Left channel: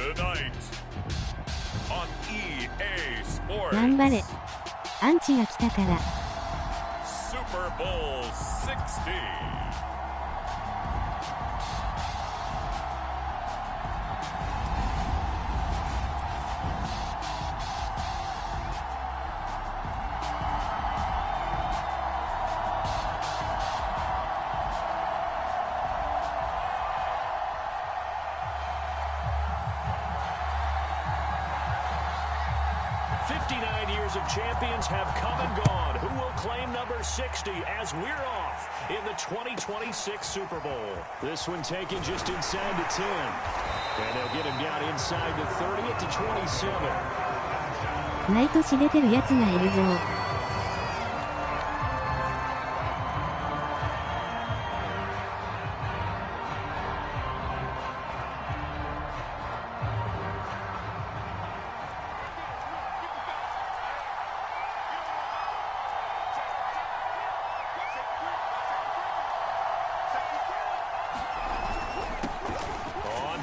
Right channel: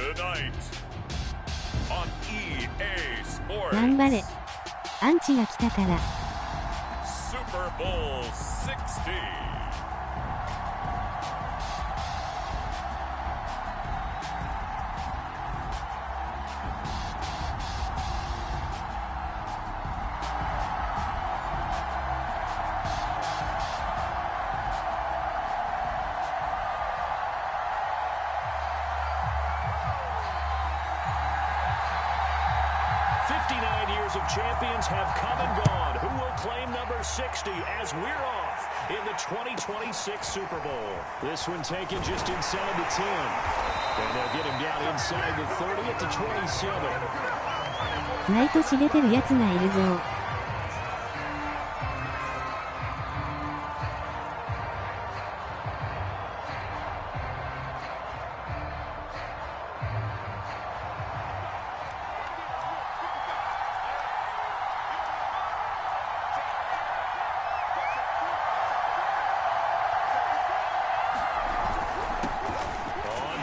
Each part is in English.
Tonight on EA Sports. 頑張れ。アンチが来たから。Superbowl 60. Years of champions have come and gone. Who will claim number 60 as we're off in the 2026 Super Bowl? This one taken just inside the 10. And they'll get him down inside the 30 at the 27. 毎年出てるやつがいるぞ。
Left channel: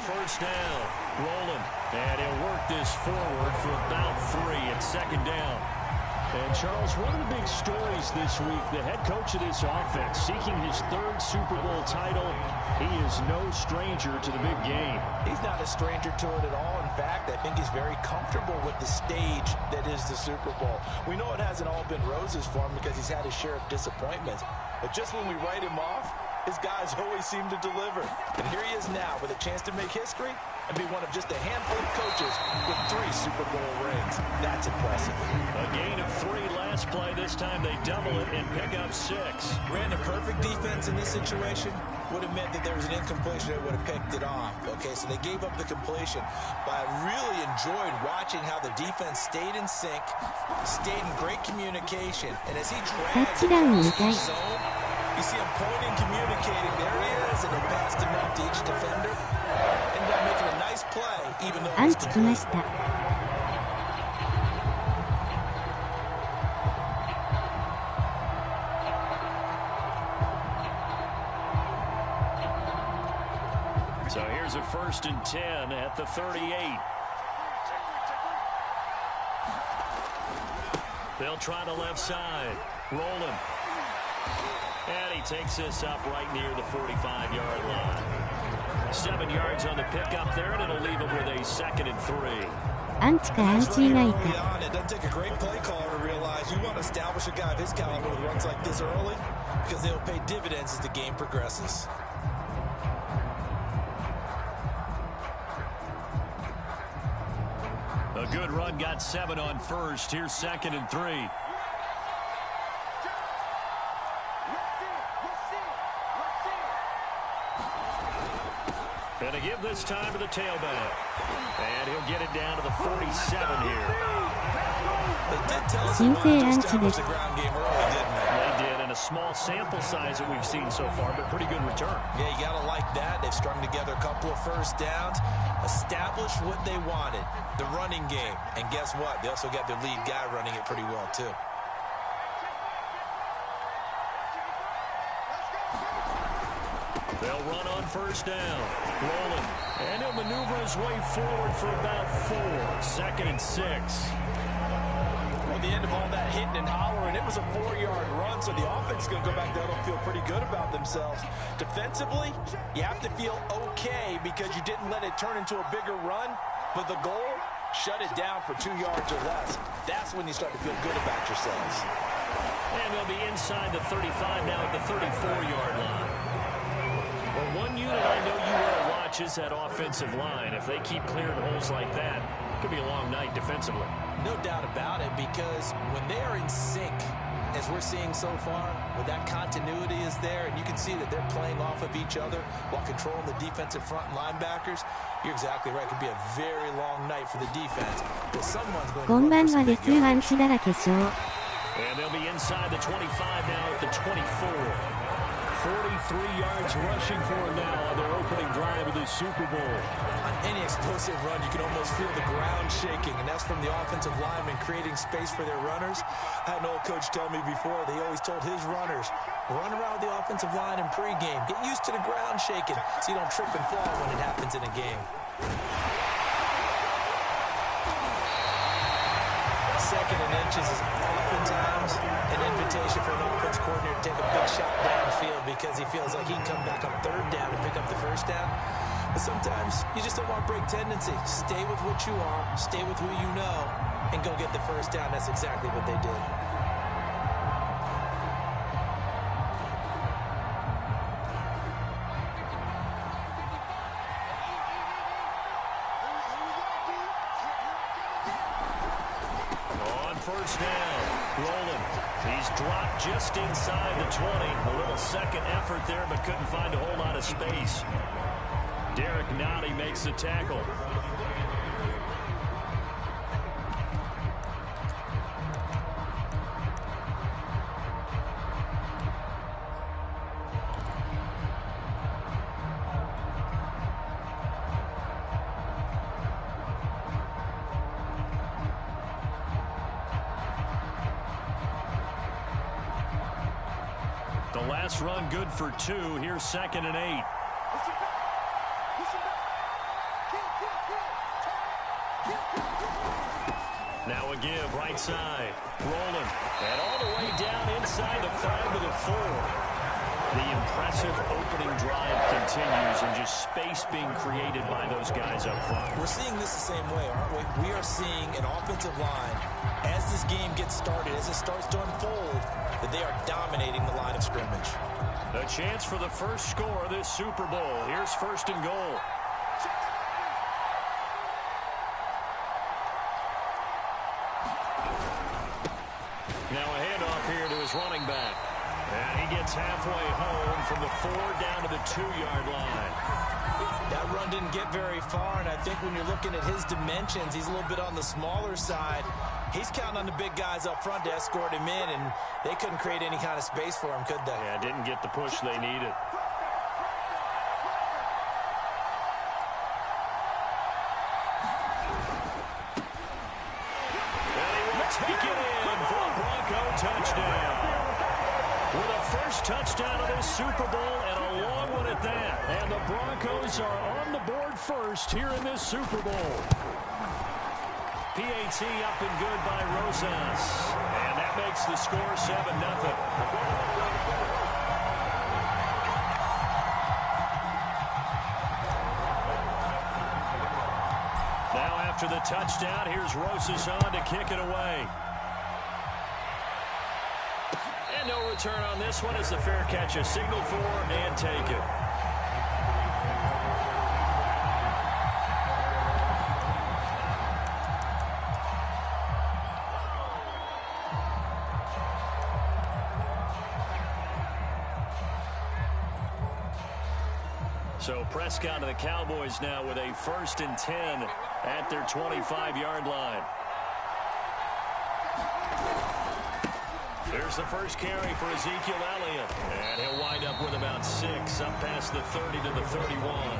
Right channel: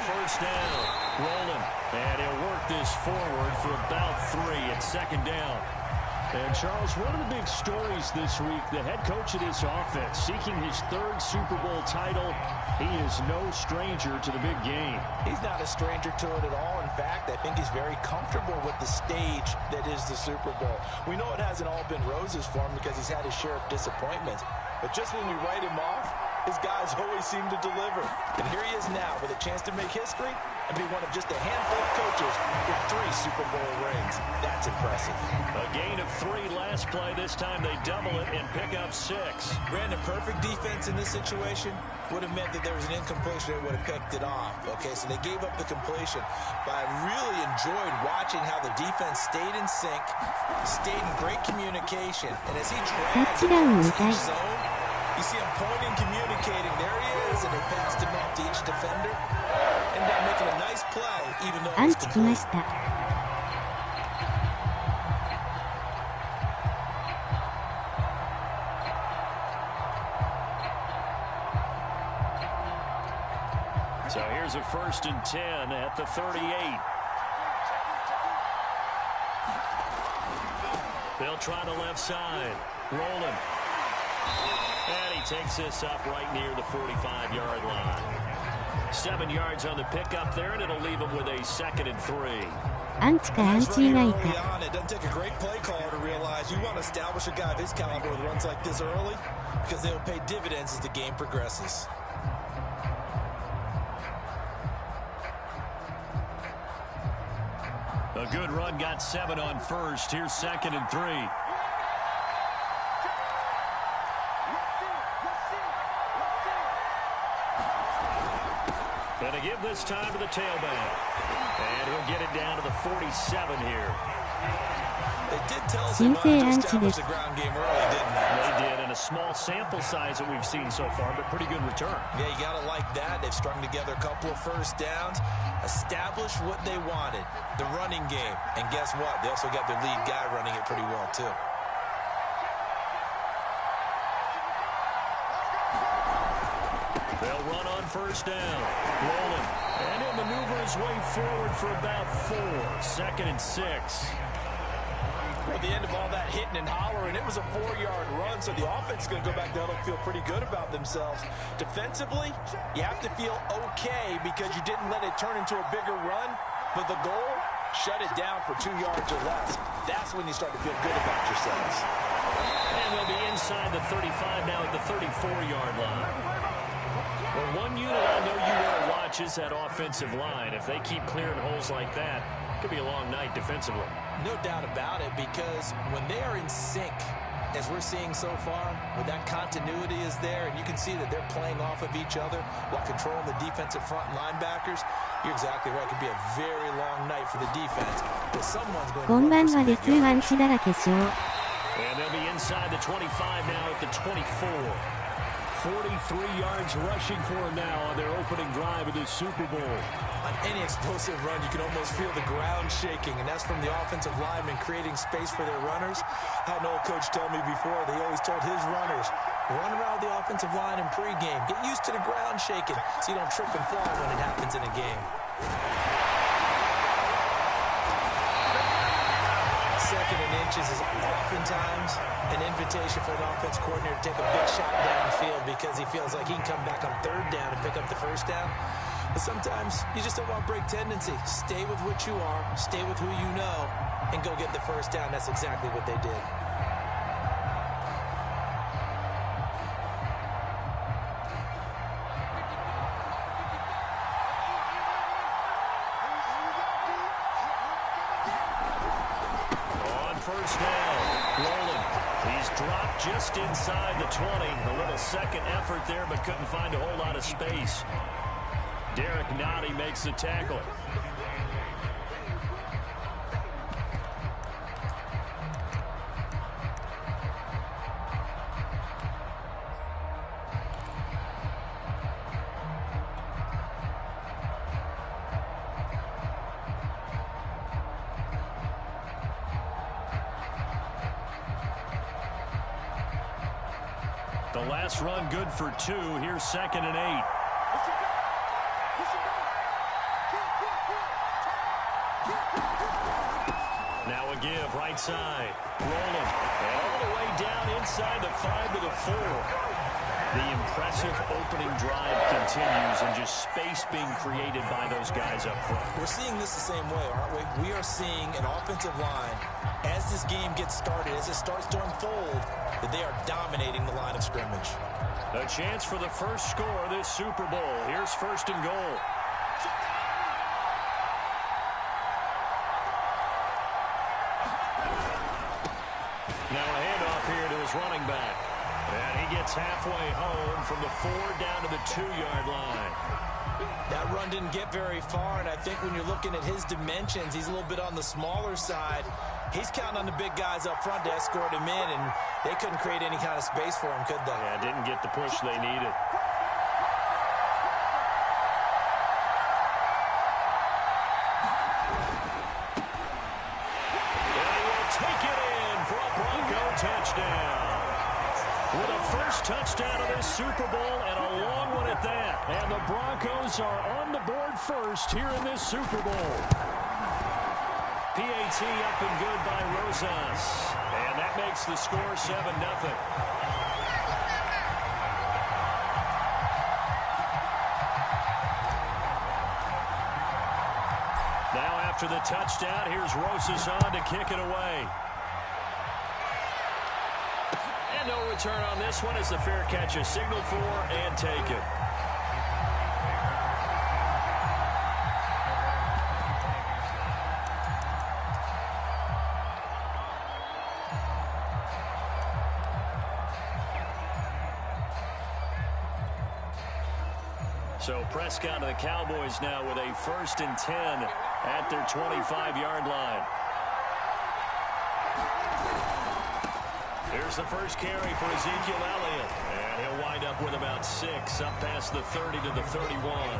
First down, rolling, and he'll work this forward for about 3 at second down. And Charles, one of the big stories this week, the head coach of this offense seeking his 3rd Super Bowl title. He is no stranger to the big game. He's not a stranger to it at all. In fact, I think he's very comfortable with the stage that is the Super Bowl. We know it hasn't all been roses for him because he's had his share of disappointments. But just when we write him off, his guys always seem to deliver. And here he is now with a chance to make history and be one of just a handful of coaches with 3 Super Bowl rings. That's impressive. A gain of 3 last play. This time they double it and pick up 6. Brandon, perfect defense in this situation would have meant that there was an incompletion that would have picked it off. Okay, so they gave up the completion. But I really enjoyed watching how the defense stayed in sync, stayed in great communication. And as he dragged the zone, you see him pointing, communicating. There he is, and they passed him off to each defender. Ended up making a nice play, even though it was complete. So here's a 1st and 10 at the 38. They'll try the left side. Rolling. And he takes this up right near the 45-yard line. 7 yards on the pickup there, and it'll leave him with a 2nd and 3. アンチかアンチ以外か。It doesn't take a great play caller to realize you want to establish a guy of his caliber with runs like this early because they'll pay dividends as the game progresses. A good run, got 7 on first. Here's 2nd and 3. Gonna give this time to the tailback. And he'll get it down to the 47 here. They did tell us they wanted to establish the ground game early, didn't they? They did, and a small sample size that we've seen so far, but pretty good return. Yeah, you gotta like that. They've strung together a couple of first downs, established what they wanted, the running game. And guess what? They also got their lead guy running it pretty well, too. They'll run on first down. Rolling. And he'll maneuver his way forward for about 4. 2nd and 6. Well, at the end of all that hitting and hollering, it was a 4-yard run, so the offense is going to go back down and feel pretty good about themselves. Defensively, you have to feel okay because you didn't let it turn into a bigger run, but the goal, shut it down for 2 yards or less. That's when you start to feel good about yourselves. And they'll be inside the 35 now at the 34-yard line. Well, one unit I know you want to watch is that offensive line. If they keep clearing holes like that, it could be a long night defensively. No doubt about it, because when they are in sync, as we're seeing so far, when that continuity is there, and you can see that they're playing off of each other while controlling the defensive front linebackers, you're exactly right. It could be a very long night for the defense, but someone's going to run for some big yards. And they'll be inside the 25 now at the 24. 43 yards rushing for him now on their opening drive of the Super Bowl. On any explosive run, you can almost feel the ground shaking, and that's from the offensive linemen creating space for their runners. I had an old coach tell me before, they always told his runners, run around the offensive line in pregame. Get used to the ground shaking so you don't trip and fall when it happens in a game. second and inches is oftentimes an invitation for an offense coordinator to take a big shot downfield because he feels like he can come back on third down and pick up the first down. But sometimes you just don't want break tendency. Stay with what you are, stay with who you know, and go get the first down. That's exactly what they did. First down, rolling. He's dropped just inside the 20. A little second effort there, but couldn't find a whole lot of space. Derek Nottie makes the tackle. The last run good for 2. Here's 2nd and 8. Now a give right side. Rolling. And all the way down inside the 5 to the 4. The impressive opening drive continues, and just space being created by those guys up front. We're seeing this the same way, aren't we? We are seeing an offensive line, as this game gets started, as it starts to unfold, that they are dominating the line of scrimmage. A chance for the first score of this Super Bowl. Here's 1st and goal. Now a handoff here to his running back. And he gets halfway home from the 4 down to the 2-yard line. That run didn't get very far, and I think when you're looking at his dimensions, he's a little bit on the smaller side. He's counting on the big guys up front to escort him in, and they couldn't create any kind of space for him, could they? Yeah, didn't get the push they needed. And he will take it in for a Bronco touchdown. With a first touchdown of this Super Bowl, and a long one at that. And the Broncos are on the board first here in this Super Bowl. PAT up and good by Rosas. And that makes the score 7-0. Now after the touchdown, here's Rosas on to kick it away. And no return on this one as the fair catch is signaled for and taken. So Prescott of the Cowboys now with a 1st and 10 at their 25-yard line. Here's the first carry for Ezekiel Elliott. And he'll wind up with about 6 up past the 30 to the 31.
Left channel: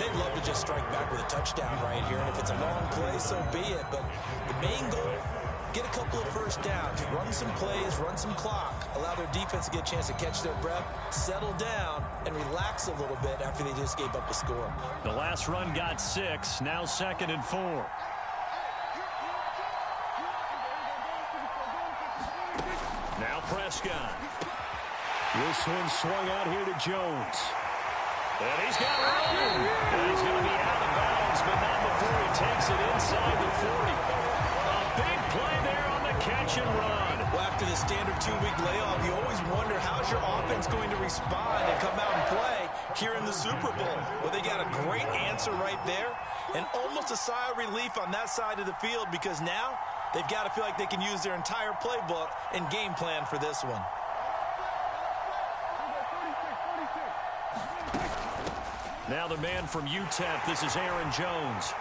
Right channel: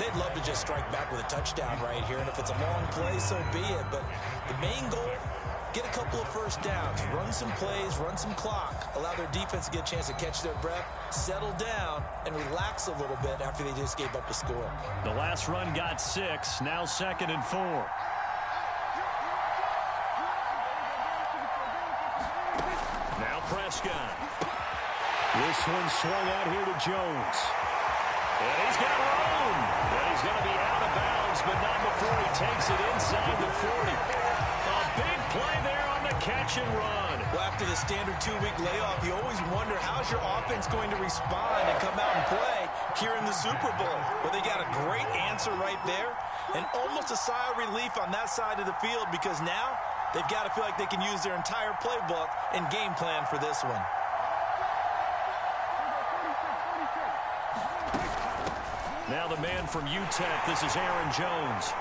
They'd love to just strike back with a touchdown right here, and if it's a long play, so be it. But the main goal, get a couple of first downs, run some plays, run some clock, allow their defense to get a chance to catch their breath, settle down, and relax a little bit after they just gave up a score. The last run got 6, now 2nd and 4. Now Prescott. This one swung out here to Jones. And he's got room. And he's going to be out of bounds, but not before he takes it inside the 40. A big play there on the catch and run. Well, after the standard 2-week layoff, you always wonder how's your offense going to respond and come out and play here in the Super Bowl. Well, they got a great answer right there and almost a sigh of relief on that side of the field because now they've got to feel like they can use their entire playbook and game plan for this one. Now the man from UTEP, this is Aaron Jones.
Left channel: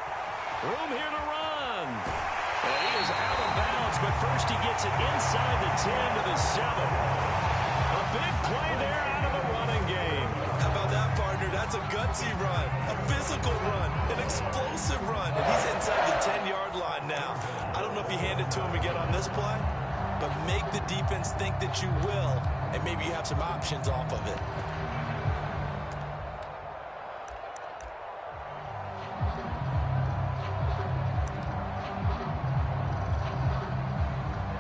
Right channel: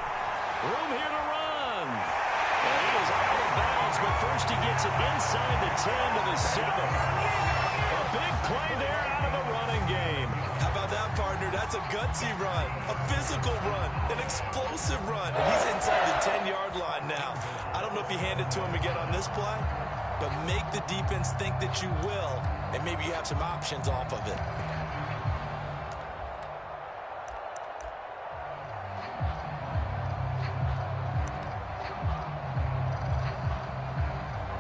Room here to run. And he is out of bounds, but first he gets it inside the 10 to the 7. A big play there out of the running game. How about that, partner? That's a gutsy run, a physical run, an explosive run. And he's inside the 10-yard line now. I don't know if you hand it to him again on this play, but make the defense think that you will, and maybe you have some options off of it.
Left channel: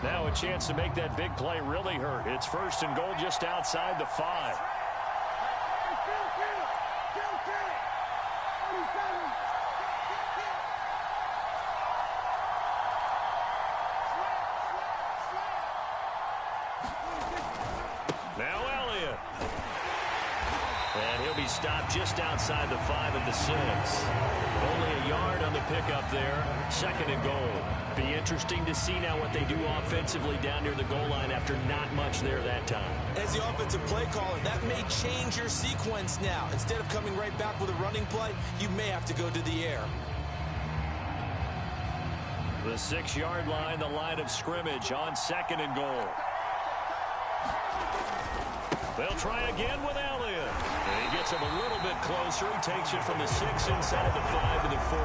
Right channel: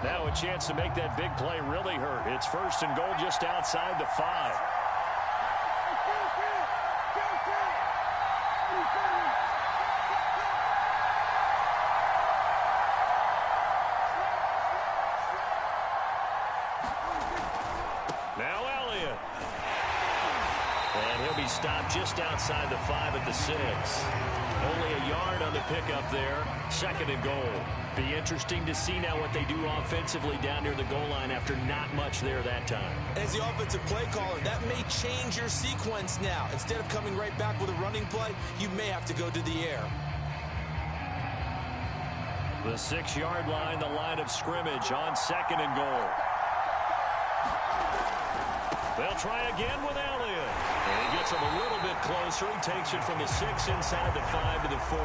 Now a chance to make that big play really hurt. It's 1st and goal just outside the 5. Now Elliott. And he'll be stopped just outside the 5 at the 6. Only a yard on the pickup there. 2nd and goal. Be interesting to see now what they do offensively down near the goal line after not much there that time. As the offensive play caller, that may change your sequence now. Instead of coming right back with a running play, you may have to go to the air. The 6-yard line, the line of scrimmage on 2nd and goal. They'll try again with Elliott. And he gets him a little bit closer. He takes it from the 6 inside the 5 to the 4.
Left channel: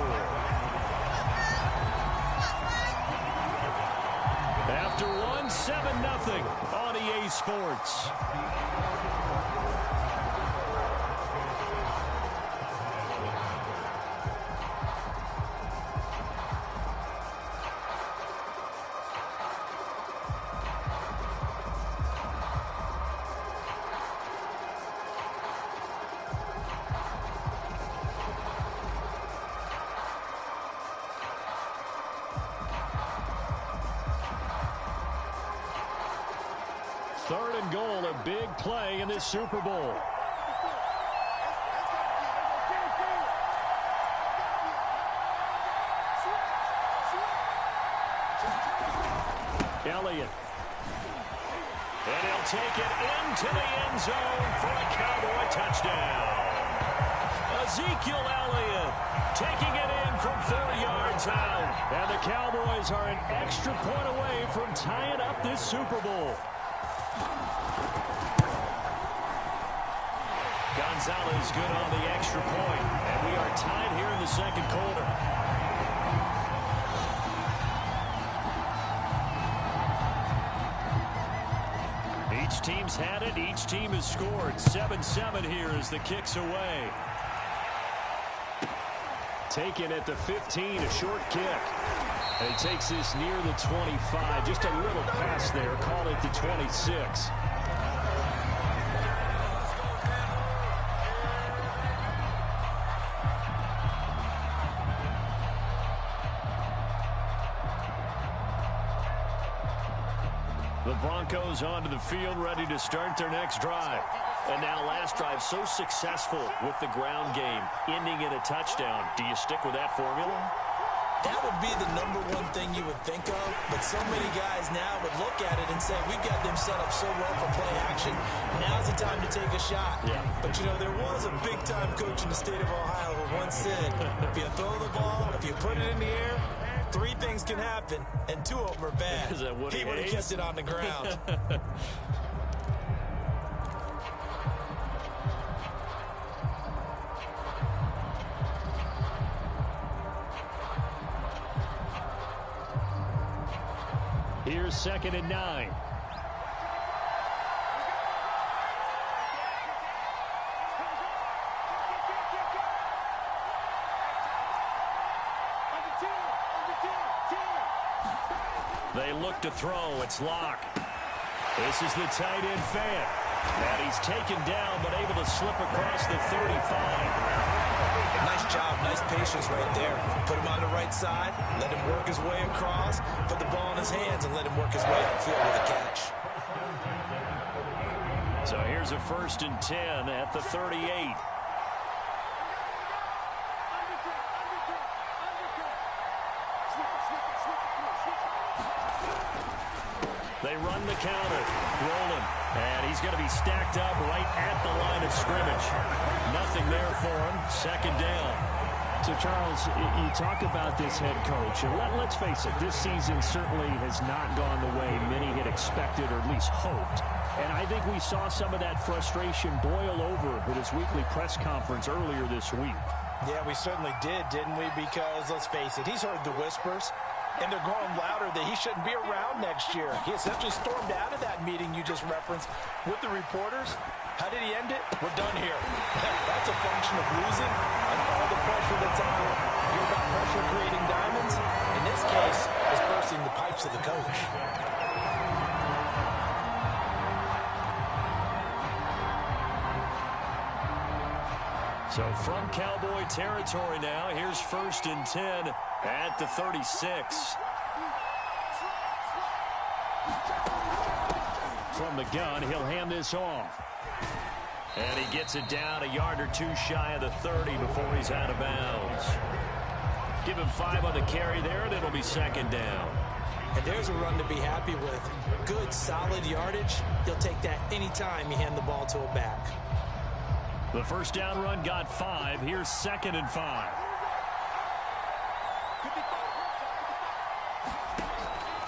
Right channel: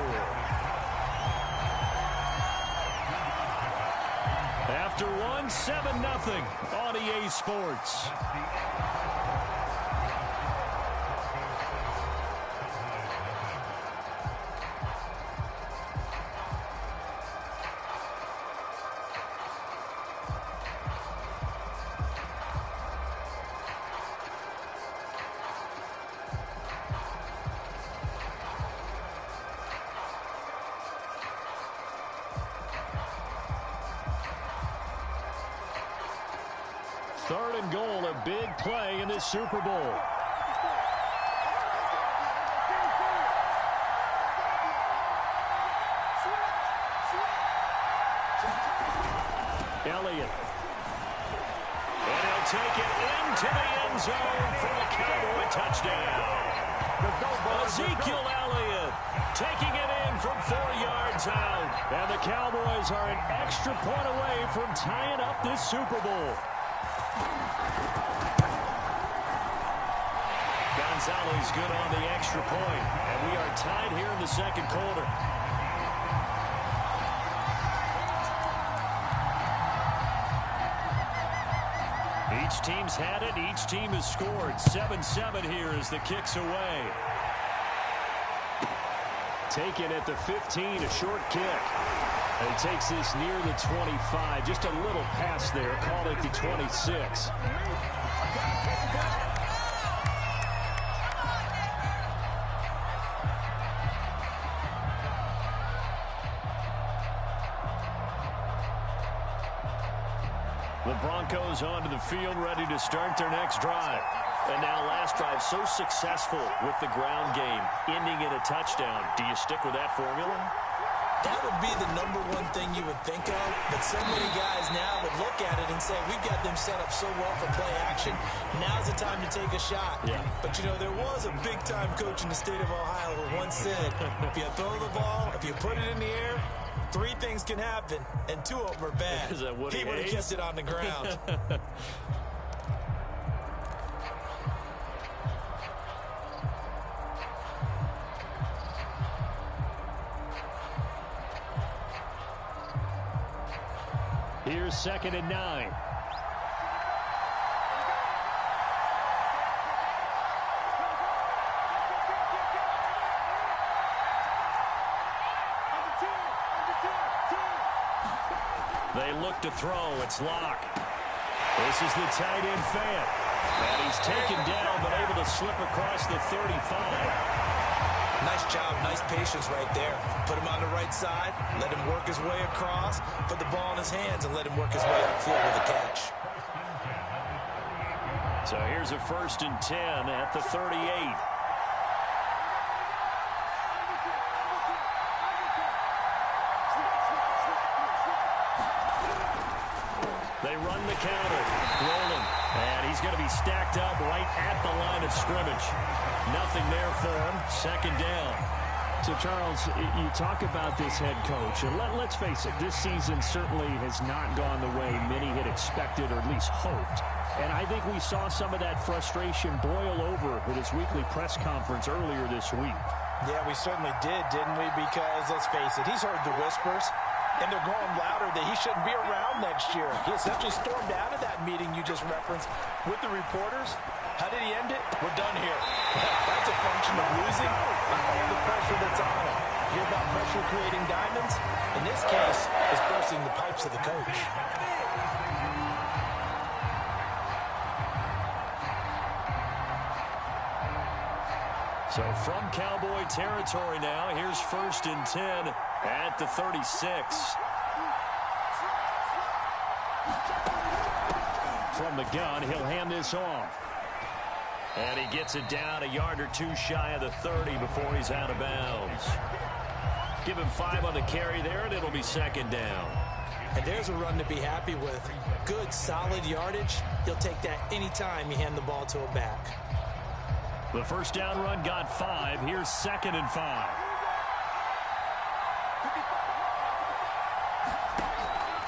After 1, 7-0 on EA Sports. Third and goal, a big play in this Super Bowl. Elliott. And he'll take it into the end zone for a Cowboy touchdown. Ezekiel Elliott taking it in from 4 yards out. And the Cowboys are an extra point away from tying up this Super Bowl. Gonzalez good on the extra point, and we are tied here in the 2nd quarter. Each team's had it. Each team has scored. 7-7 here as the kick's away. Taken at the 15, a short kick. And he takes this near the 25. Just a little pass there. Call it the 26. The Broncos onto the field, ready to start their next drive. And now last drive so successful with the ground game, ending in a touchdown. Do you stick with that formula? That would be the #1 thing you would think of, but so many guys now would look at it and say, we've got them set up so well for play action. Now's the time to take a shot. Yeah. But, you know, there was a big-time coach in the state of Ohio who once said, if you throw the ball, if you put it in the air, 3 things can happen, and 2 of them are bad. Is that what he would have kept it on the ground. Here's 2nd and 9. They look to throw. It's Locke. This is the tight end Fant. And he's taken down, but able to slip across the 35. Nice job, nice patience right there. Put him on the right side, let him work his way across, put the ball in his hands, and let him work his way upfield with a catch. So here's a 1st and 10 at the 38. They run the counter. Rolling. And he's going to be stacked up right at the line of scrimmage. Nothing there for him. 2nd down. So, Charles, you talk about this head coach, and let's face it, this season certainly has not gone the way many had expected or at least hoped. And I think we saw some of that frustration boil over at his weekly press conference earlier this week. Yeah, we certainly did, didn't we? Because, let's face it, he's heard the whispers, and they're growing louder that he shouldn't be around next year. He essentially stormed out of that meeting you just referenced with the reporters. How did he end it? We're done here. That's a function of losing and all the pressure that's on him. Hear about pressure creating diamonds? In this case, it's bursting the pipes of the coach. So from Cowboy territory now, here's 1st and 10 at the 36. From the gun, he'll hand this off. And he gets it down a yard or two shy of the 30 before he's out of bounds. Give him 5 on the carry there, and it'll be 2nd down. And there's a run to be happy with. Good, solid yardage. He'll take that anytime you hand the ball to a back. The 1st down run got 5. Here's 2nd and 5.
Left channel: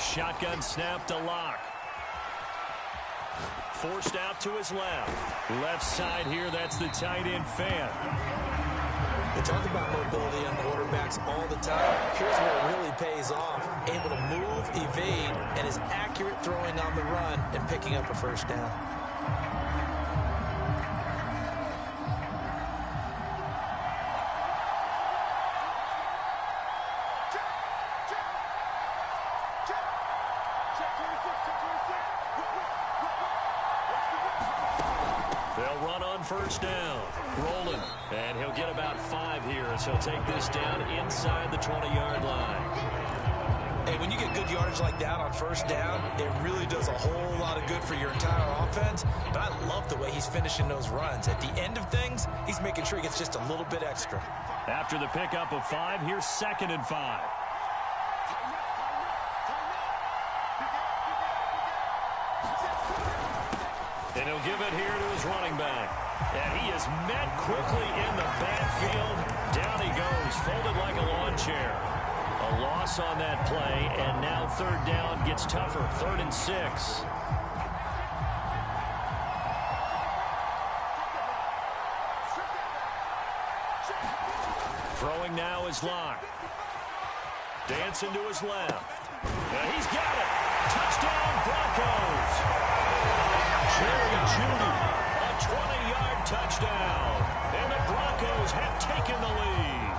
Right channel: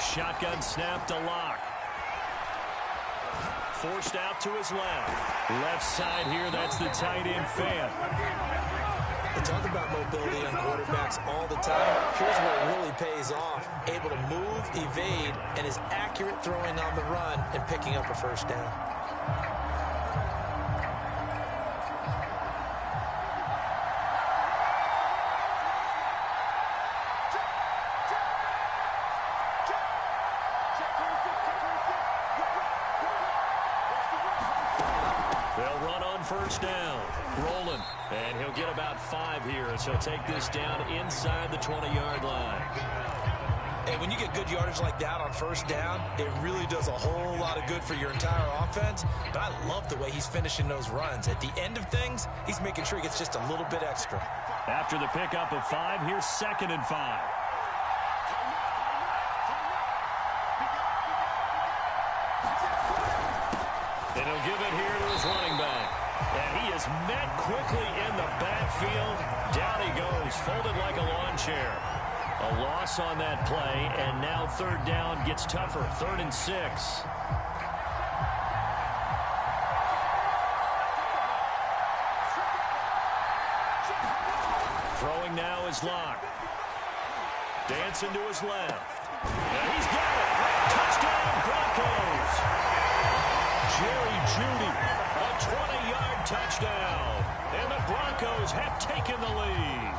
Shotgun snap to Lock. Forced out to his left. Left side here, that's the tight end Fan. They talk about mobility on quarterbacks all the time. Here's where it really pays off. Able to move, evade, and is accurate throwing on the run and picking up a 1st down. They'll run on 1st down. Rolling. And he'll get about 5 here as he'll take this down inside the 20-yard line. And when you get good yardage like that on 1st down, it really does a whole lot of good for your entire offense. But I love the way he's finishing those runs. At the end of things, he's making sure he gets just a little bit extra. After the pickup of 5, here's 2nd and 5. And he'll give it here to his running back. And he is met quickly in the backfield. Down he goes, folded like a lawn chair. A loss on that play, and now 3rd down gets tougher. 3rd and 6. Throwing now is Lock. Dancing to his left. And he's got it. Touchdown, Broncos. Jerry Jeudy, a 20-yard touchdown. And the Broncos have taken the lead.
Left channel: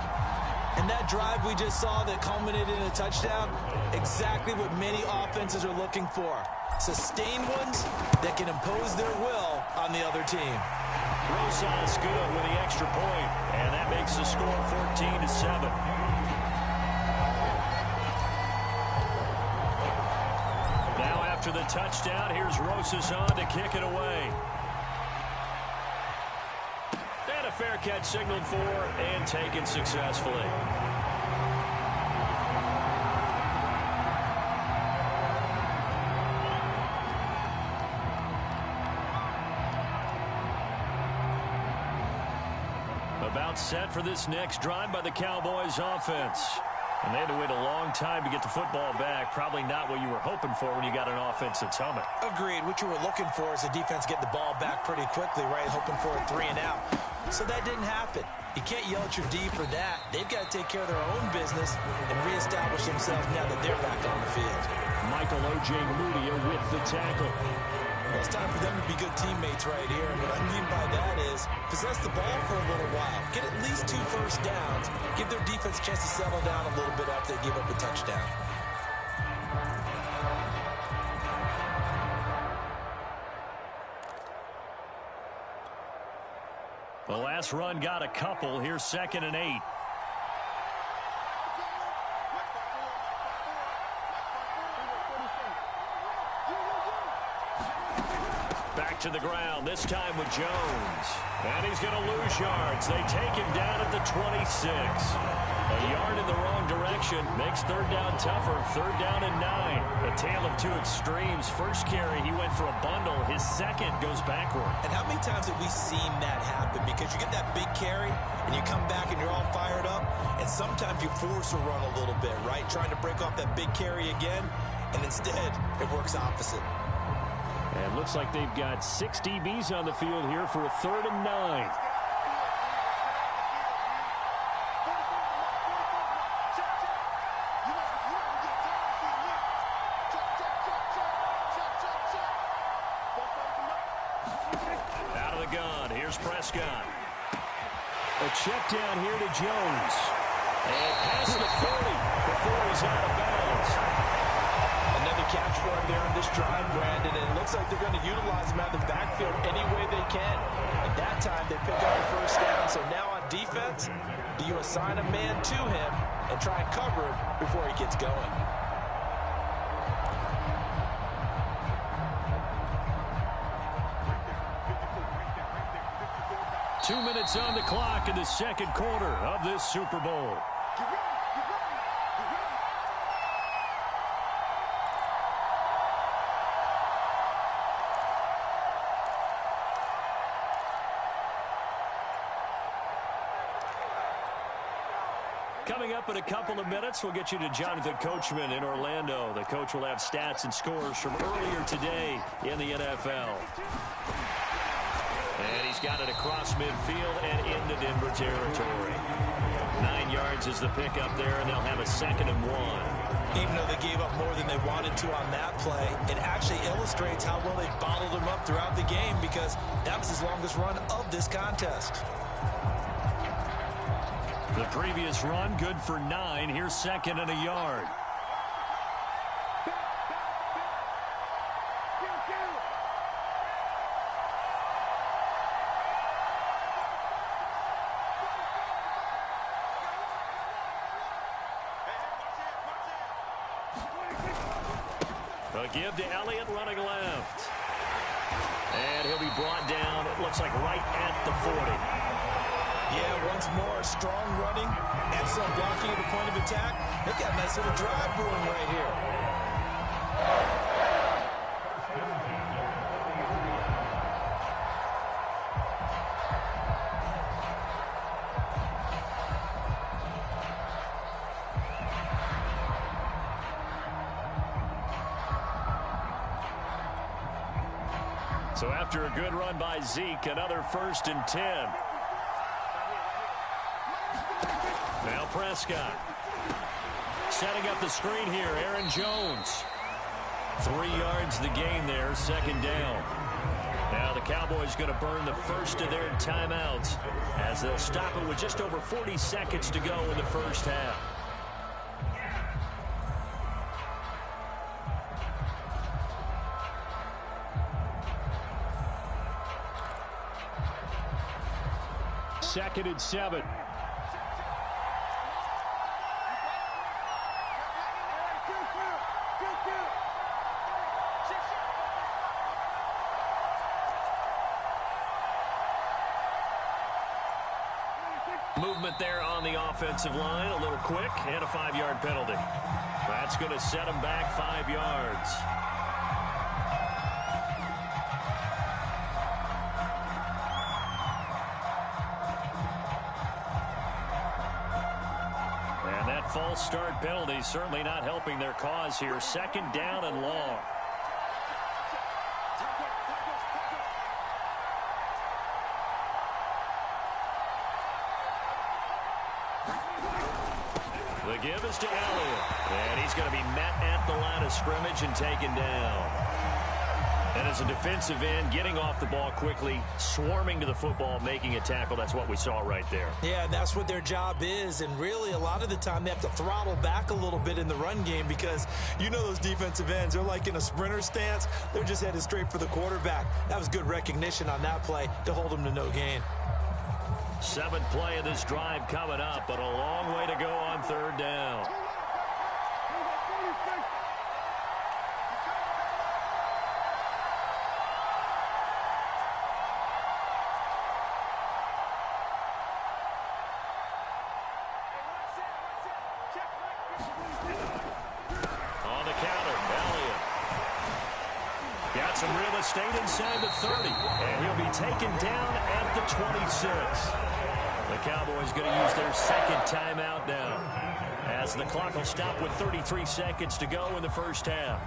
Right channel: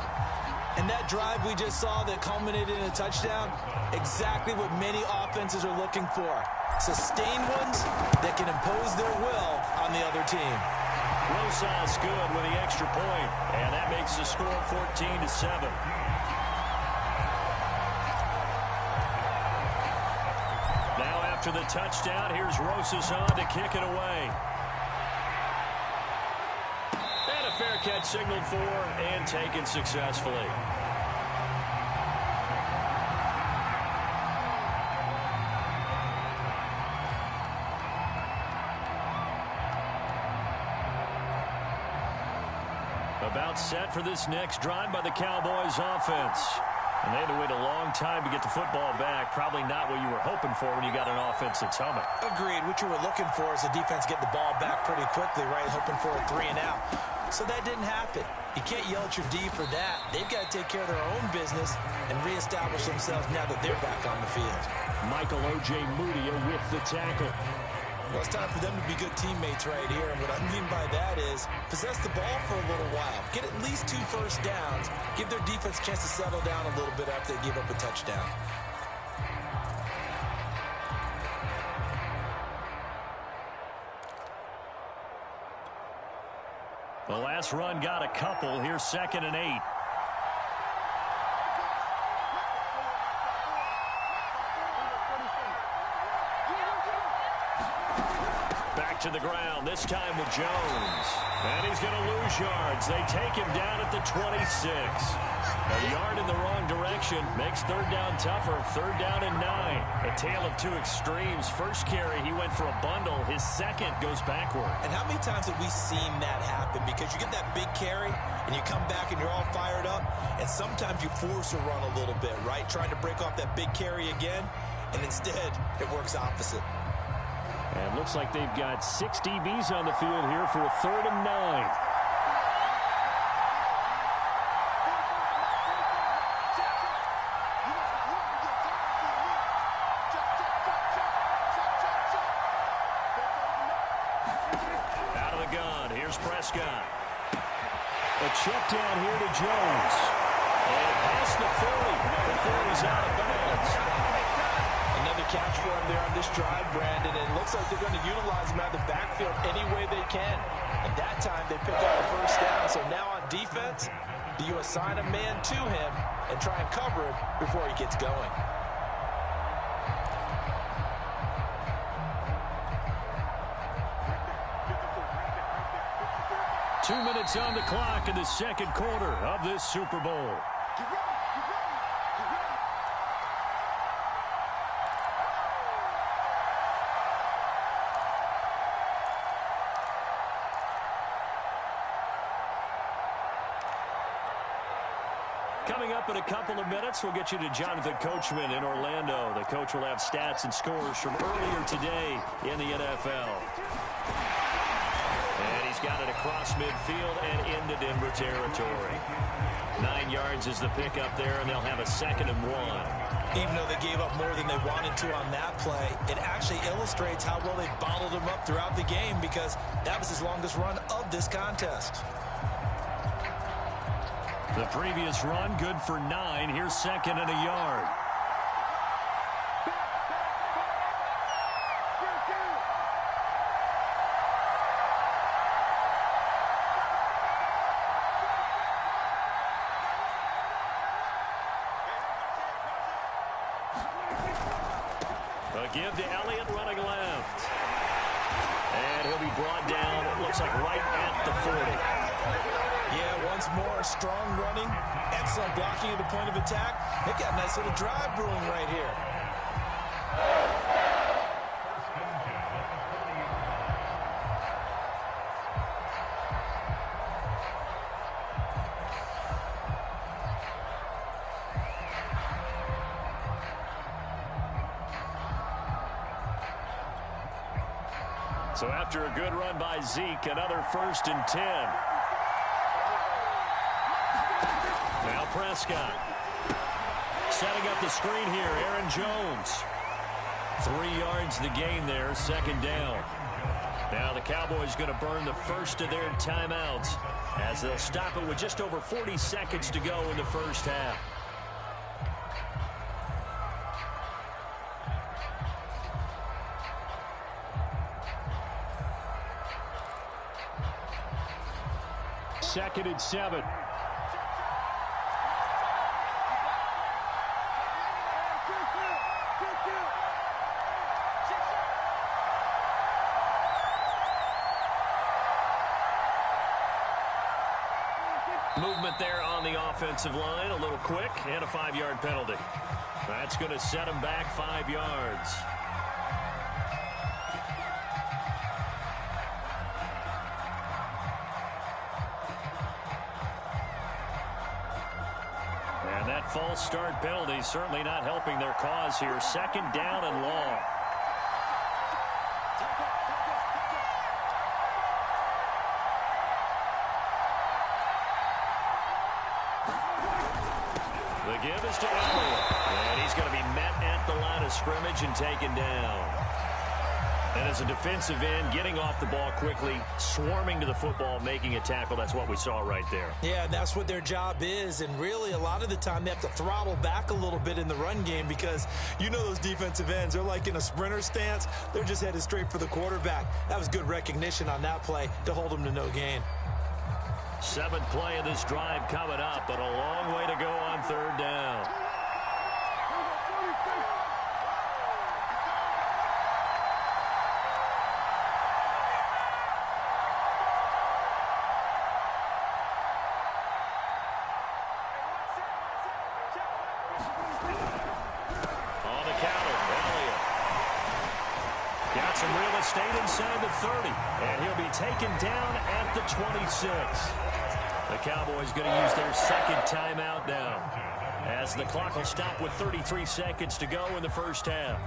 And that drive we just saw that culminated in a touchdown, exactly what many offenses are looking for. Sustained ones that can impose their will on the other team. Rosas good with the extra point, and that makes the score 14-7. Now after the touchdown, here's Rosas on to kick it away. And a fair catch signaled for and taken successfully. About set for this next drive by the Cowboys offense. And they had to wait a long time to get the football back. Probably not what you were hoping for when you got an offense that's humming. Agreed. What you were looking for is the defense get the ball back pretty quickly, right? Hoping for a 3 and out. So that didn't happen. You can't yell at your D for that. They've got to take care of their own business and reestablish themselves now that they're back on the field. Michael O.J. Mudia with the tackle. Well, it's time for them to be good teammates right here. And what I mean by that is possess the ball for a little while. Get at least 2 first downs. Give their defense a chance to settle down a little bit after they give up a touchdown. The last run got a couple. Here's 2nd and 8. Back to the ground, this time with Jones. And he's going to lose yards. They take him down at the 26. A yard in the wrong direction makes 3rd down tougher. 3rd down and 9. A tale of 2 extremes. First carry, he went for a bundle. His second goes backward. And how many times have we seen that happen? Because you get that big carry, and you come back and you're all fired up, and sometimes you force a run a little bit, right? Trying to break off that big carry again, and instead it works opposite. And looks like they've got 6 DBs on the field here for a 3rd and 9. Out of the gun, here's Prescott. A check down here to Jones. And past the 40 before he's out of bounds. Another catch for him there on this drive, Brandon, and it looks like they're going to utilize him out of the backfield any way they can. And that time they pick up the first down. So now on defense, do you assign a man to him and try and cover him before he gets going? Two minutes on the clock in the second quarter of this Super Bowl. Coming up in a couple of minutes, we'll get you to Jonathan Coachman in Orlando. The coach will have stats and scores from earlier today in the NFL. And he's got it across midfield and into Denver territory. 9 yards is the pickup there, and they'll have a 2nd and 1. Even though they gave up more than they wanted to on that play, it actually illustrates how well they bottled him up throughout the game, because that was his longest run of this contest. The previous run, good for 9. Here's 2nd and a yard. A give to Elliott running left. And he'll be brought down, it looks like right at the 40. Yeah, once more, strong running, excellent blocking at the point of attack. They've got a nice little drive brewing right here. So after a good run by Zeke, another 1st and 10. Now Prescott. Setting up the screen here, Aaron Jones. 3 yards the gain there, 2nd down. Now the Cowboys going to burn the first of their timeouts as they'll stop it with just over 40 seconds to go in the first half. Second and 7. Movement there on the offensive line, a little quick, and a 5-yard penalty. That's going to set them back 5 yards. And that false start penalty certainly not helping their cause here. 2nd down and long. The give is to Elliott. And he's going to be met at the line of scrimmage and taken down. And as a defensive end, getting off the ball quickly, swarming to the football, making a tackle, that's what we saw right there. Yeah, and that's what their job is. And really, a lot of the time, they have to throttle back a little bit in the run game, because you know those defensive ends, they're like in a sprinter stance. They're just headed straight for the quarterback. That was good recognition on that play to hold them to no gain. 7th play of this drive coming up, but a long way to go on 3rd down. On the counter, Elliott. Got some real estate inside the 30, and he'll be taken down at the 26. The Cowboys going to use their 2nd timeout now, as the clock will stop with 33 seconds to go in the first half.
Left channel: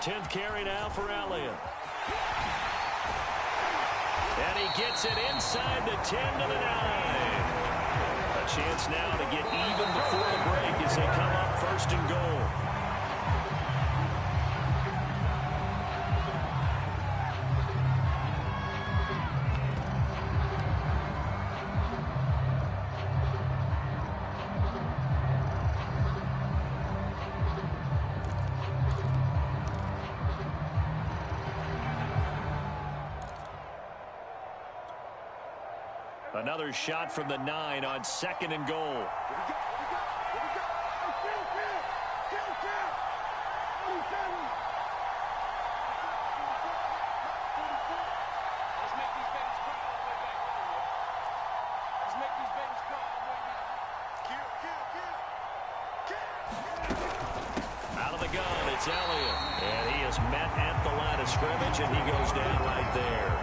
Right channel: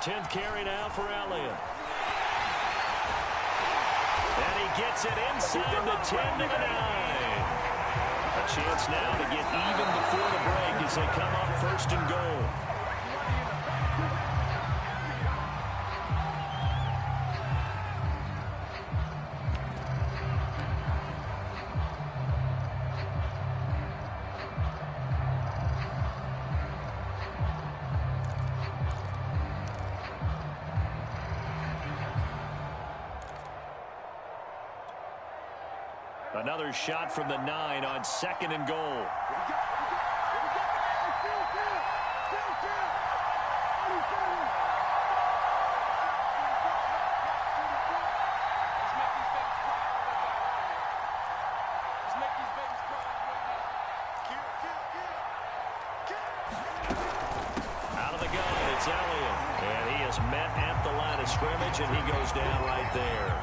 Tenth carry now for Elliott. And he gets it inside the 10 to the 9. A chance now to get even before the break as they come up 1st and goal. Another shot from the 9 on 2nd and goal. Out of the gun, it's Elliott. And he is met at the line of scrimmage, and he goes down right there.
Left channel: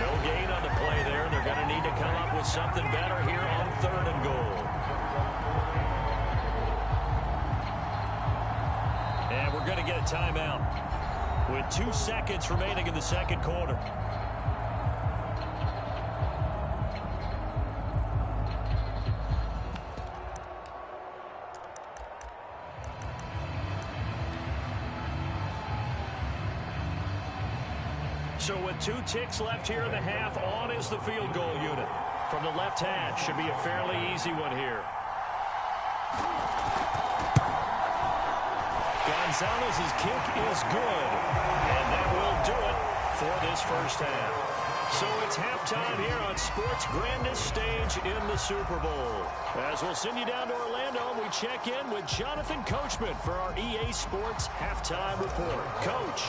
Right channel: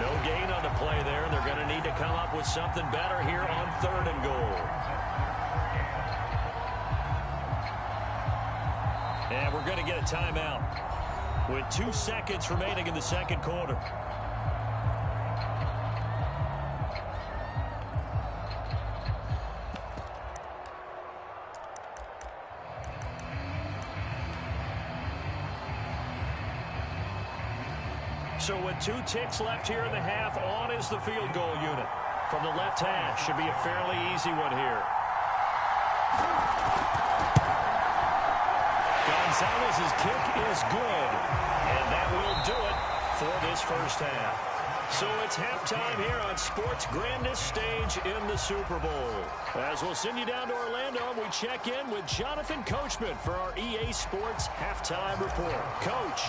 No gain on the play there, and they're going to need to come up with something better here on 3rd and goal. And we're going to get a timeout with 2 seconds remaining in the 2nd quarter. So with 2 ticks left here in the half, on is the field goal unit. From the left hash, should be a fairly easy one here. Gonzalez's kick is good, and that will do it for this 1st half. So it's halftime here on sports' grandest stage in the Super Bowl. As we'll send you down to Orlando, we check in with Jonathan Coachman for our EA Sports Halftime Report. Coach.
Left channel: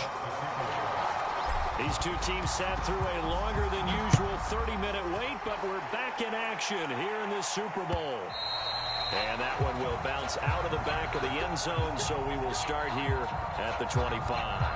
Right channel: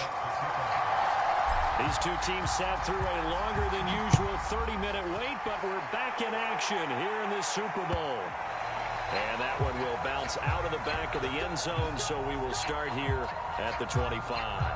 These 2 teams sat through a longer than usual 30-minute wait, but we're back in action here in this Super Bowl. And that one will bounce out of the back of the end zone, so we will start here at the 25.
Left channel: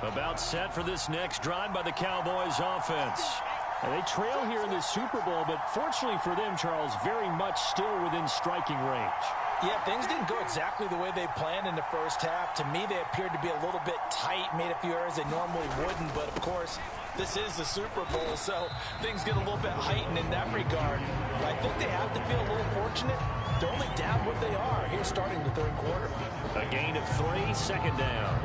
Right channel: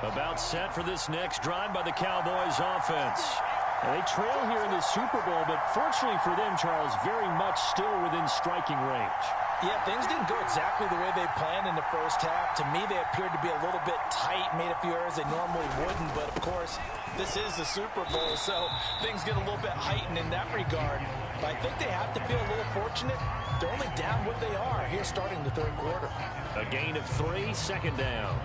About set for this next drive by the Cowboys offense. And they trail here in the Super Bowl, but fortunately for them, Charles, very much still within striking range. Yeah, things didn't go exactly the way they planned in the 1st half. To me, they appeared to be a little bit tight, made a few errors they normally wouldn't. But, of course, this is the Super Bowl, so things get a little bit heightened in that regard. But I think they have to feel a little fortunate. They're only down what they are here starting the 3rd quarter. A gain of 3, 2nd down.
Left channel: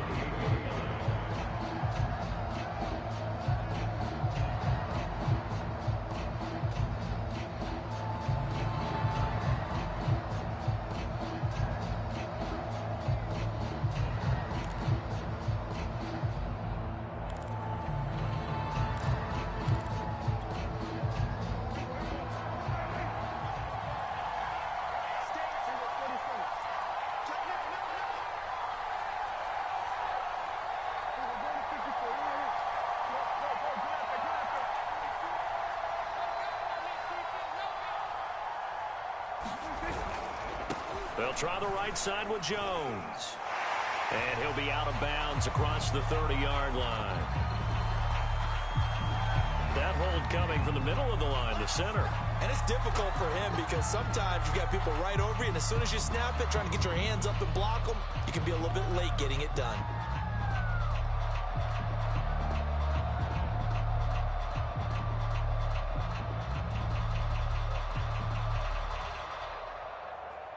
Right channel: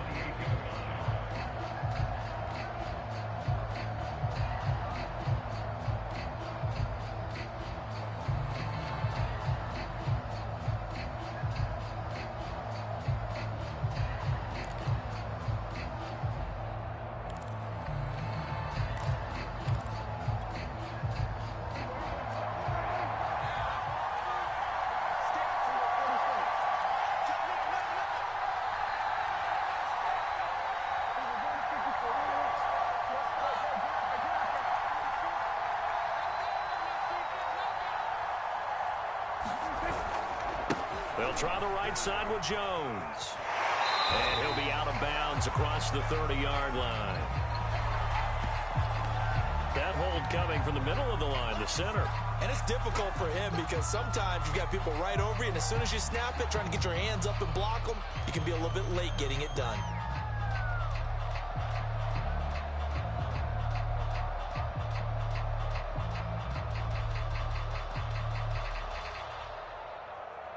They'll try the right side with Jones. And he'll be out of bounds across the 30-yard line. That hold coming from the middle of the line, the center. And it's difficult for him because sometimes you've got people right over you, and as soon as you snap it, trying to get your hands up and block them, you can be a little bit late getting it done.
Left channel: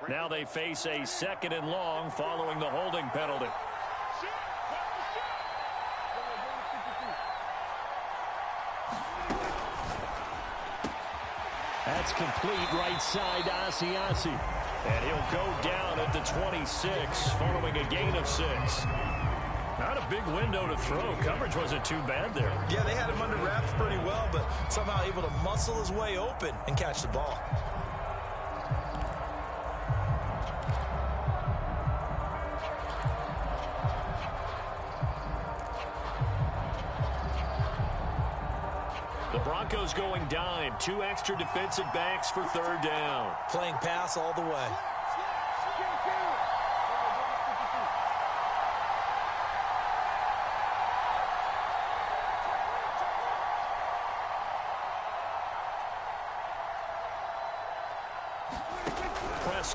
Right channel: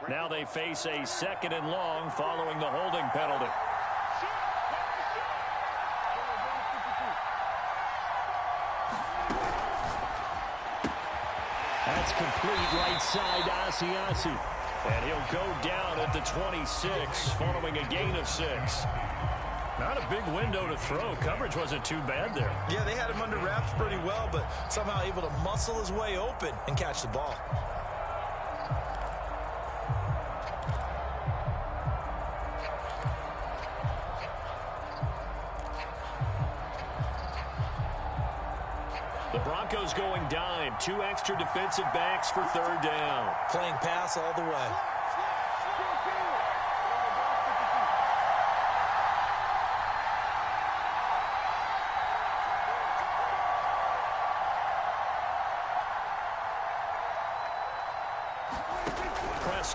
Now they face a 2nd and long following the holding penalty. That's complete right side to Asiasi. And he'll go down at the 26 following a gain of 6. Not a big window to throw. Coverage wasn't too bad there. Yeah, they had him under wraps pretty well, but somehow able to muscle his way open and catch the ball. The Broncos going dime. 2 extra defensive backs for 3rd down. Playing pass all the way.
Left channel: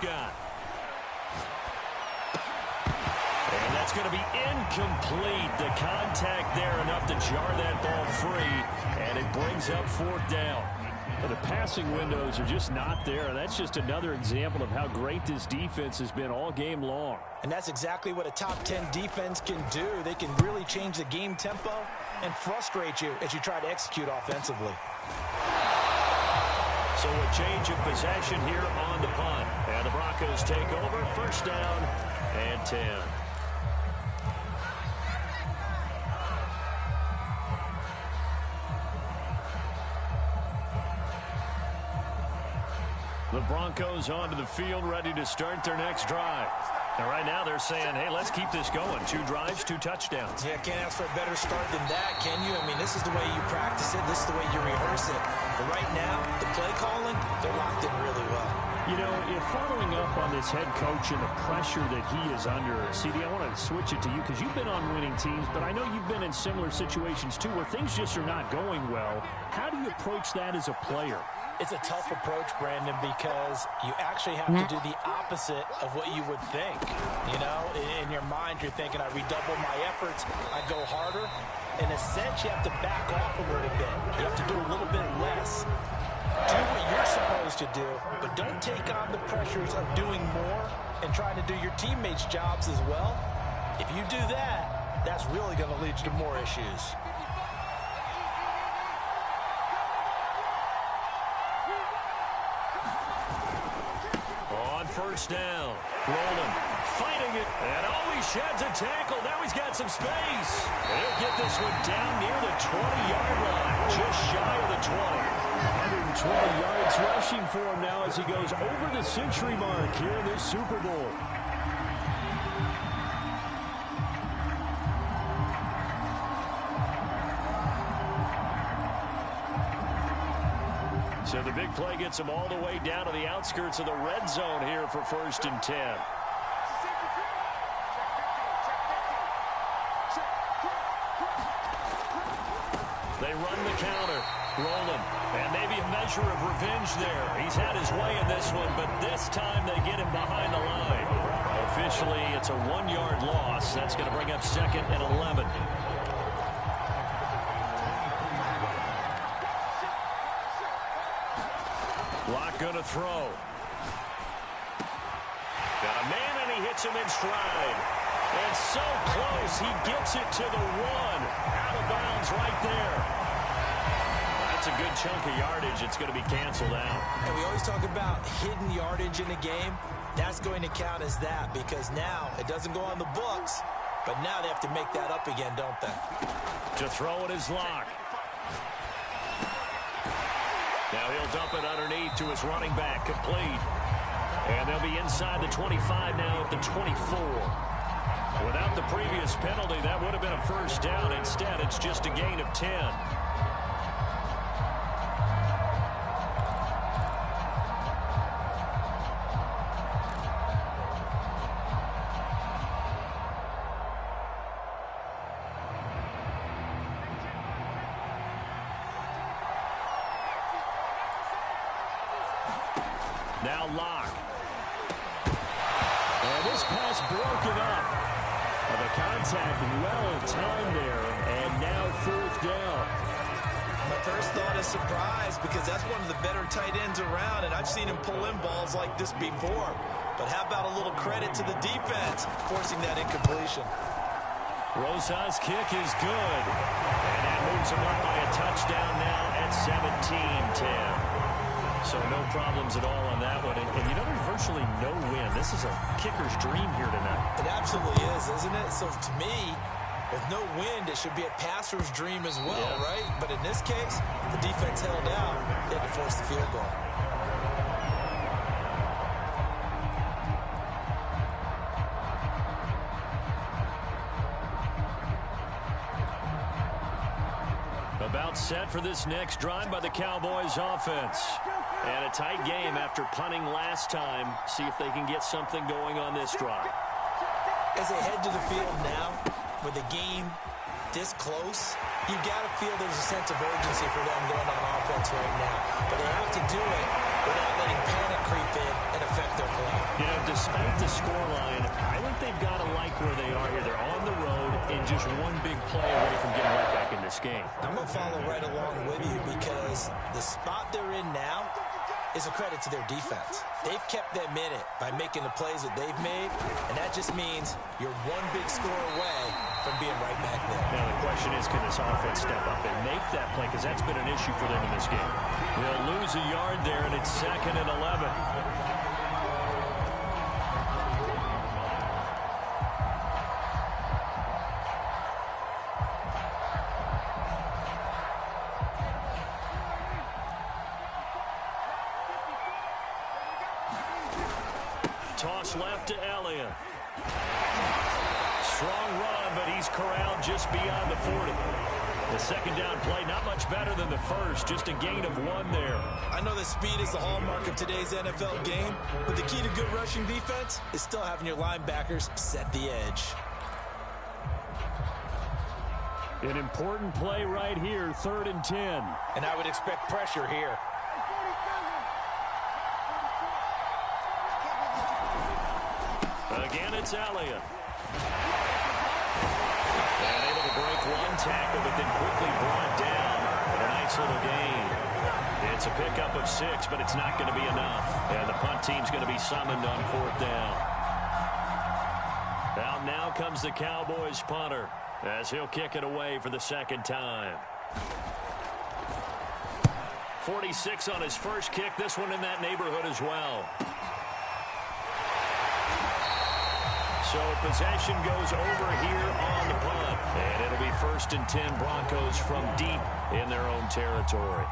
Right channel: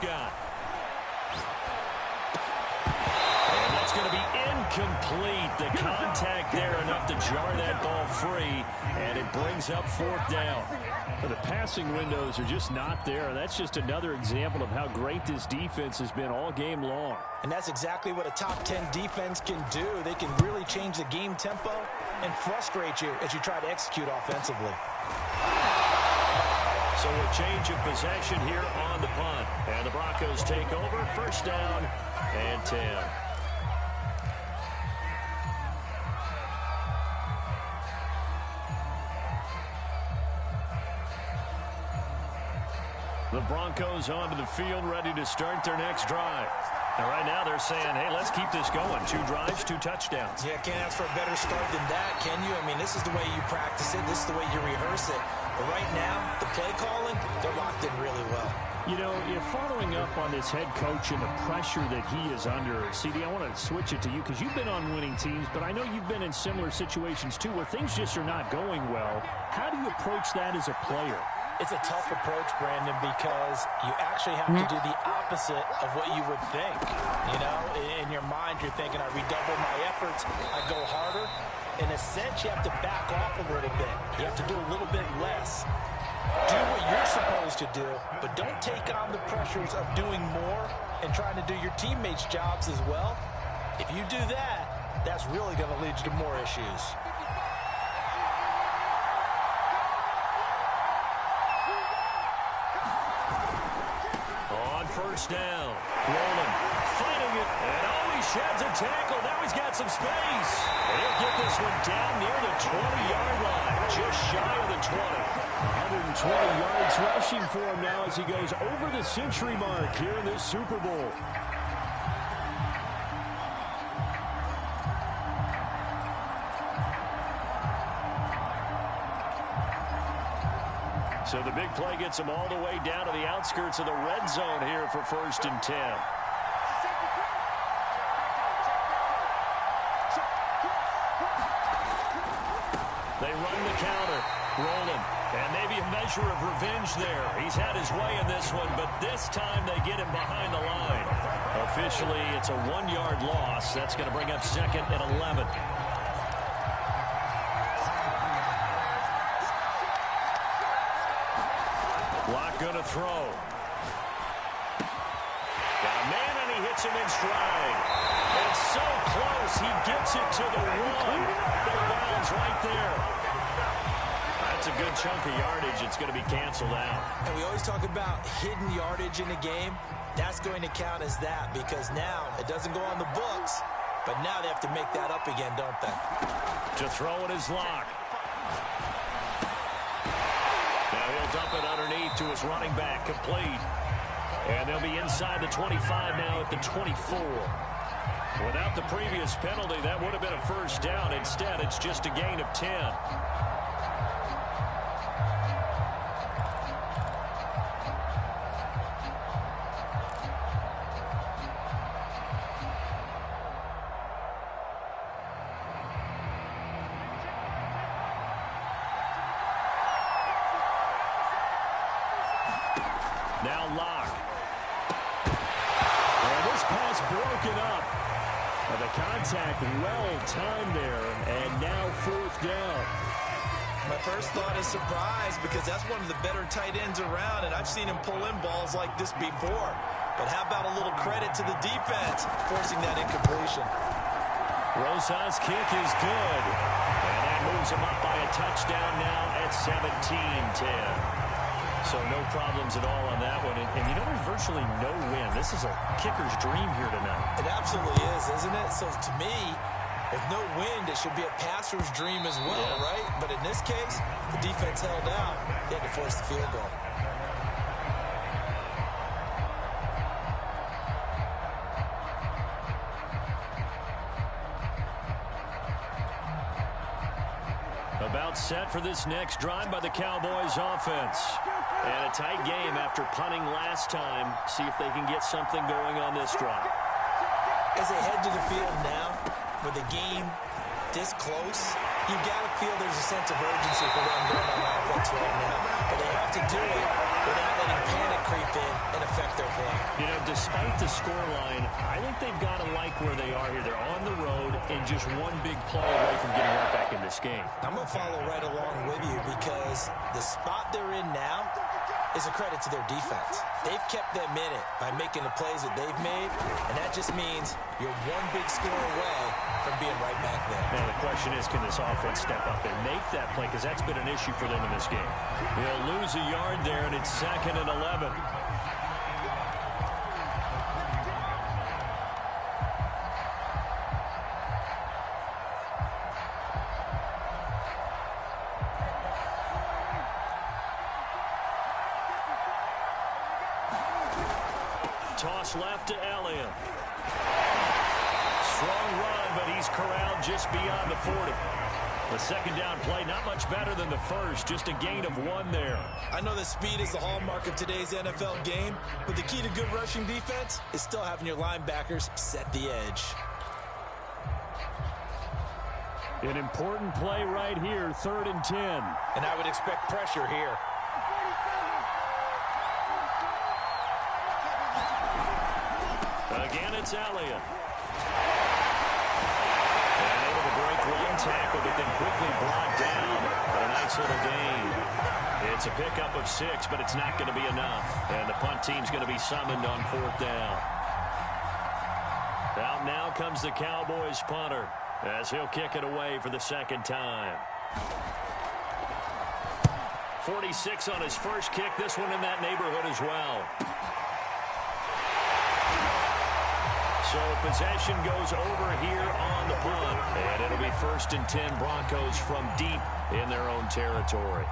got. And that's going to be incomplete. The contact there enough to jar that ball free, and it brings up 4th down. The passing windows are just not there. That's just another example of how great this defense has been all game long. And that's exactly what a top 10 defense can do. They can really change the game tempo and frustrate you as you try to execute offensively. So a change of possession here on the punt. And the Broncos take over. 1st down and 10. The Broncos onto the field, ready to start their next drive. And right now they're saying, hey, let's keep this going. 2 drives, 2 touchdowns. Yeah, can't ask for a better start than that, can you? I mean, this is the way you practice it. This is the way you rehearse it. But right now, the play calling, they're locked in really well. You know, if following up on this head coach and the pressure that he is under, CD, I want to switch it to you because you've been on winning teams, but I know you've been in similar situations too where things just are not going well. How do you approach that as a player? It's a tough approach, Brandon, because you actually have to do the opposite of what you would think. You know, in your mind, you're thinking, I redouble my efforts, I go harder. In a sense, you have to back off a little bit. You have to do a little bit less. Do what you're supposed to do, but don't take on the pressures of doing more and trying to do your teammates' jobs as well. If you do that, that's really going to lead you to more issues. On 1st down, Roland fighting it, and he sheds a tackle. Now he's got some space. And he'll get this one down near the 20-yard line, just shy of the 20. 120 yards rushing for him now as he goes over the century mark here in this Super Bowl. So the big play gets him all the way down to the outskirts of the red zone here for 1st and 10. They run the counter. Roland. And maybe a measure of revenge there. He's had his way in this one, but this time they get him behind the line. Officially, it's a 1-yard loss. That's going to bring up 2nd and 11. Lock going to throw. Got a man, and he hits him in stride. And so close, he gets it to the 1. Out of bounds right there. That's a good chunk of yardage. It's going to be canceled out. And we always talk about hidden yardage in a game. That's going to count as that because now it doesn't go on the books, but now they have to make that up again, don't they? To throw it is Lock. Now he'll dump it underneath to his running back, complete. And they'll be inside the 25 now at the 24. Without the previous penalty, that would have been a 1st down. Instead, it's just a gain of 10. Now Lock. And this pass broken up. The contact well timed there, and now 4th down. My first thought is surprise because that's one of the better tight ends around, and I've seen him pull in balls like this before. But how about a little credit to the defense forcing that incompletion? Rosa's kick is good. And that moves him up by a touchdown now at 17-10. So no problems at all on that one. And you know, there's virtually no win. This is a kicker's dream here tonight. It absolutely is, isn't it? So to me, with no wind, it should be a passer's dream as well, right? But in this case, the defense held out. They had to force the field goal. About set for this next drive by the Cowboys offense. And a tight game after punting last time. See if they can get something going on this drive. As they head to the field now, with the game this close, you've got to feel there's a sense of urgency for them going on offense right now. But they have to do it without letting panic creep in and affect their play. You know, despite the scoreline, I think they've got to like where they are here. They're on the road and just one big play away from getting right back in this game. I'm going to follow right along with you because the spot they're in now is a credit to their defense. They've kept them in it by making the plays that they've made, and that just means you're one big score away from being right back there. Now the question is, can this offense step up and make that play? Because that's been an issue for them in this game. They'll lose a yard there, and it's 2nd and 11. Toss left to Elliott. Strong run, but he's corralled just beyond the 40. The second down play, not much better than the first, just a gain of 1 there. I know that speed is the hallmark of today's NFL game, but the key to good rushing defense is still having your linebackers set the edge. An important play right here, 3rd and 10. And I would expect pressure here. Again, it's Elliott. And able to break one tackle, but then quickly brought down. But a nice little gain. It's a pickup of 6, but it's not going to be enough. And the punt team's going to be summoned on 4th down. Out now comes the Cowboys punter as he'll kick it away for the 2nd time. 46 on his first kick. This one in that neighborhood as well. So possession goes over here on the punt. And it'll be 1st and 10, Broncos from deep in their own territory.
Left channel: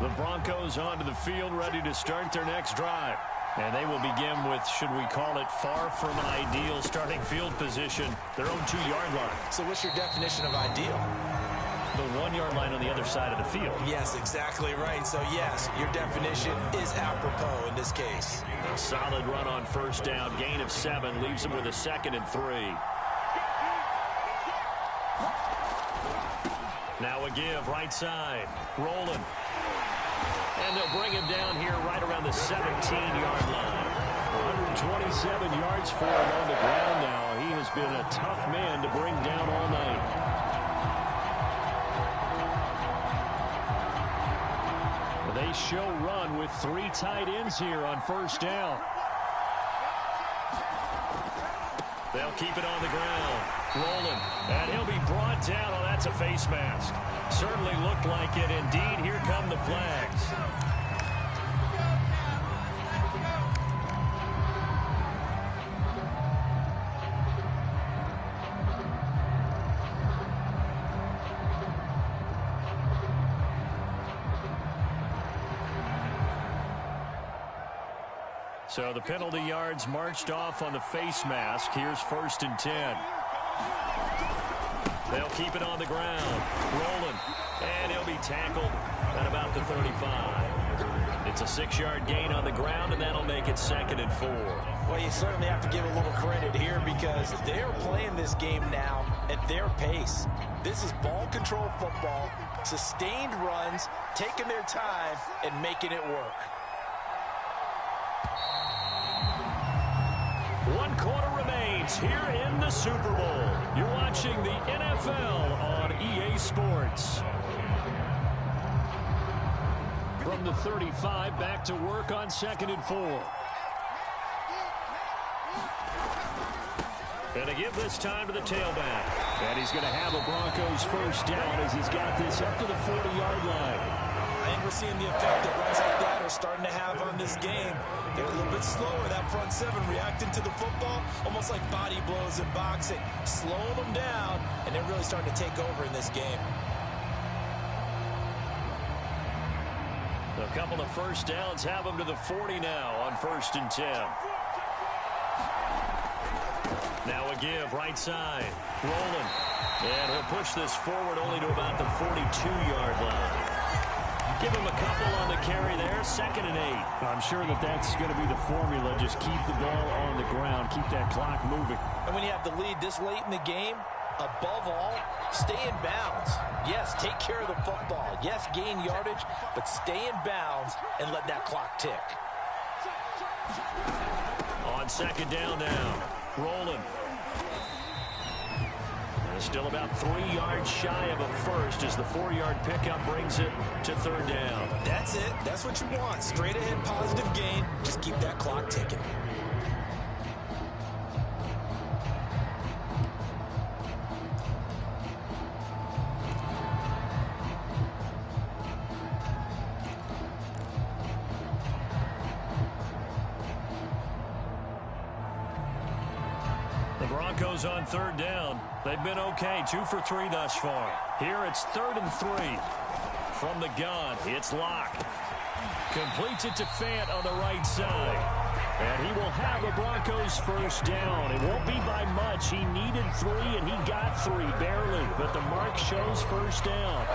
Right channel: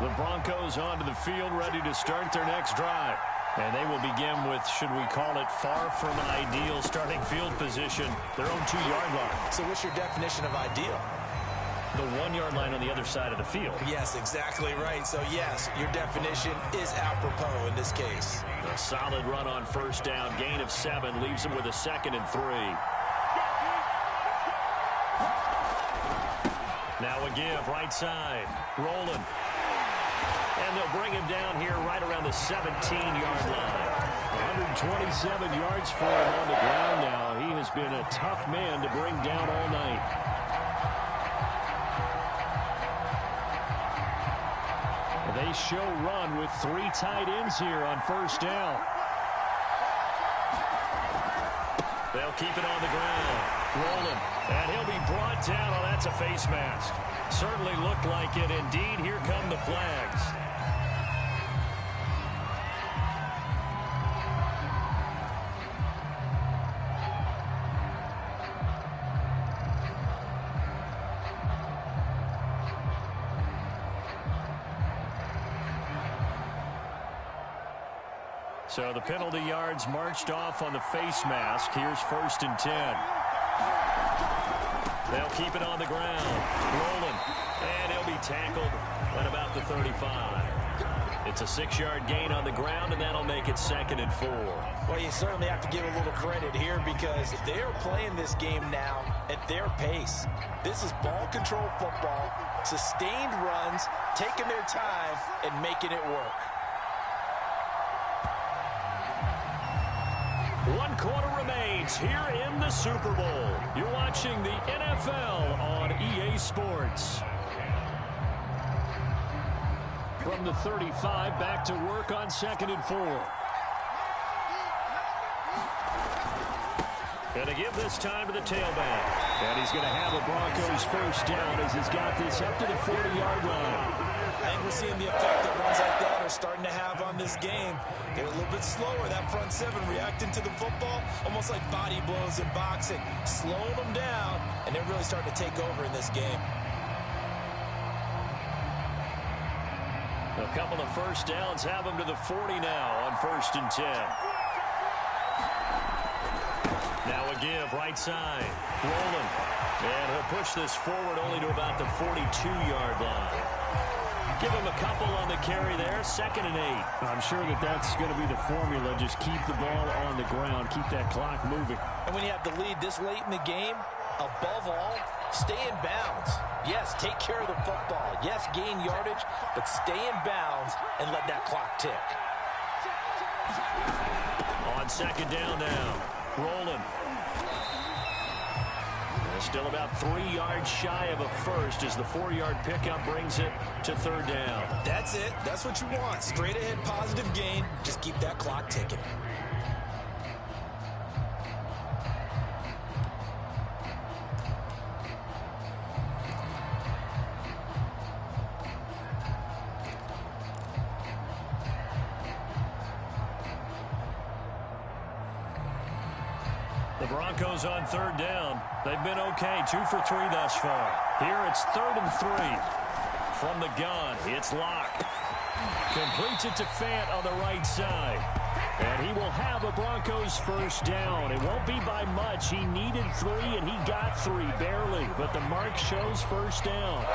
The Broncos onto the field, ready to start their next drive. And they will begin with, should we call it, far from ideal starting field position, their own 2-yard line. So what's your definition of ideal? The 1-yard line on the other side of the field. Yes, exactly right. So yes, your definition is apropos in this case. A solid run on 1st down, gain of 7, leaves them with a 2nd and 3. Now a give, right side, rolling. And they'll bring him down here right around the 17-yard line. 127 yards for him on the ground now. He has been a tough man to bring down all night. They show run with 3 tight ends here on 1st down. They'll keep it on the ground. Rolling. And he'll be brought down. Oh, that's a face mask. Certainly looked like it. Indeed, here come the flags. So the penalty yards marched off on the face mask. Here's 1st and 10. They'll keep it on the ground. Rolling. And he'll be tackled at about the 35. It's a 6-yard gain on the ground, and that'll make it 2nd and 4. Well, you certainly have to give a little credit here because they're playing this game now at their pace. This is ball control football, sustained runs, taking their time, and making it work. 1 quarter remains here in the Super Bowl. You're watching the NFL on EA Sports. From the 35, back to work on 2nd and 4. And a give this time to the tailback. And he's going to have a Broncos 1st down as he's got this up to the 40-yard line. I think we're seeing the effect that runs like that are starting to have on this game. They're a little bit slower, that front 7 reacting to the football, almost like body blows in boxing, slowing them down, and they're really starting to take over in this game. A couple of 1st downs have them to the 40 now on 1st and 10. Now a give, right side, rolling. And he'll push this forward only to about the 42-yard line. Give him a couple on the carry there. 2nd and 8. I'm sure that's going to be the formula. Just keep the ball on the ground. Keep that clock moving. And when you have the lead this late in the game, above all, stay in bounds. Yes, take care of the football. Yes, gain yardage, but stay in bounds and let that clock tick. On 2nd down now. Rolling. Still about 3 yards shy of a first as the 4-yard pickup brings it to 3rd down. That's it. That's what you want. Straight ahead positive gain. Just keep that clock ticking. The Broncos on 3rd down. They've been okay, 2 for 3 thus far. Here it's 3rd and 3. From the gun, it's Locke. Completes it to Fant on the right side. And he will have a Broncos 1st down. It won't be by much. He needed 3, and he got 3, barely. But the mark shows 1st down.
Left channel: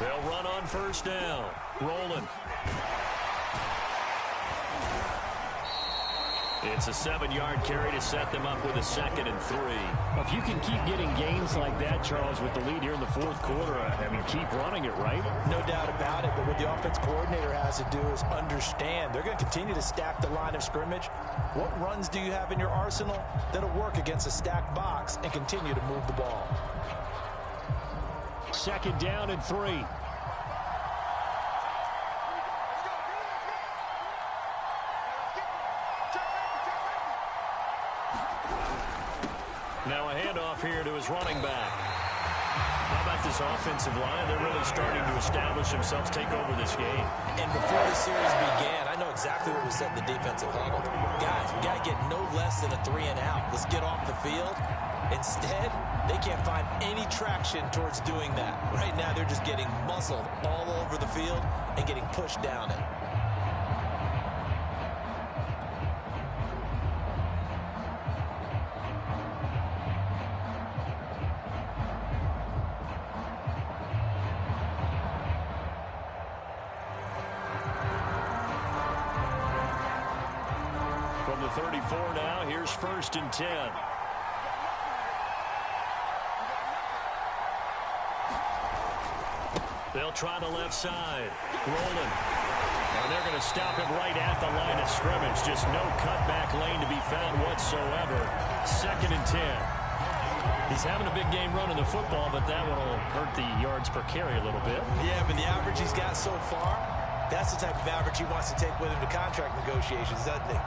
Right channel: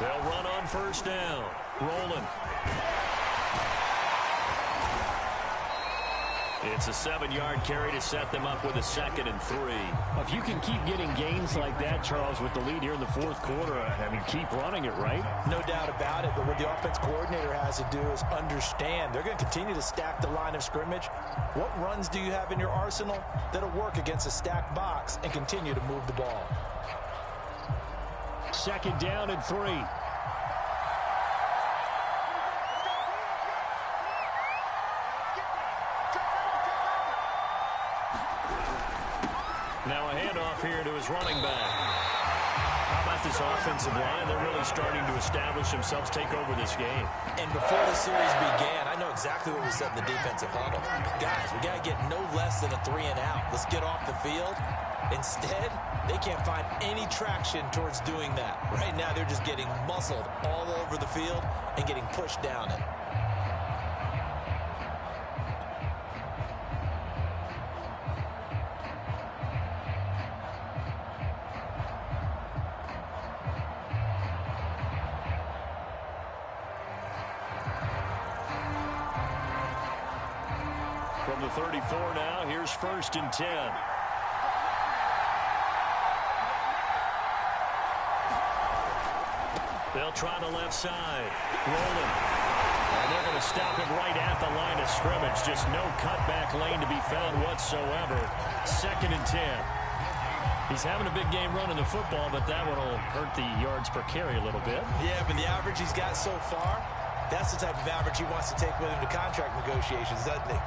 They'll run on 1st down. Rolling. It's a 7-yard carry to set them up with a 2nd and 3. If you can keep getting gains like that, Charles, with the lead here in the 4th quarter, I mean, keep running it, right? No doubt about it, but what the offense coordinator has to do is understand they're going to continue to stack the line of scrimmage. What runs do you have in your arsenal that'll work against a stacked box and continue to move the ball? 2nd down and 3. Now a handoff here to his running back. How about this offensive line? They're really starting to establish themselves, take over this game. And before the series began, I know exactly what was said in the defensive huddle. Guys, we got to get no less than a 3 and out. Let's get off the field. Instead, they can't find any traction towards doing that. Right now, they're just getting muscled all over the field and getting pushed down it. From the 34 now, here's 1st and 10. They'll try the left side. Rolling. And they're going to stop him right at the line of scrimmage. Just no cutback lane to be found whatsoever. 2nd and 10. He's having a big game running the football, but that one will hurt the yards per carry a little bit. Yeah, but the average he's got so far, that's the type of average he wants to take with him to contract negotiations, doesn't he?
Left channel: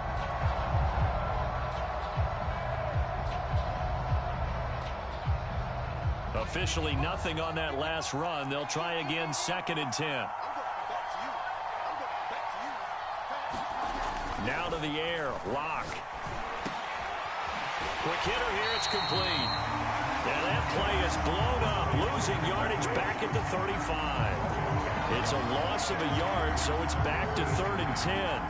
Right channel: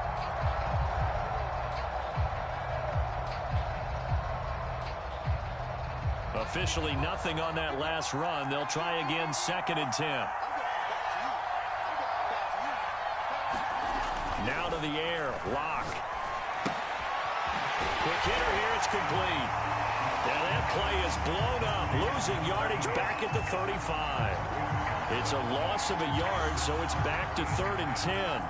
Officially nothing on that last run. They'll try again, 2nd and 10. Now to the air, Locke. Quick hitter here, it's complete. Yeah, that play is blown up, losing yardage back at the 35. It's a loss of a yard, so it's back to 3rd and 10.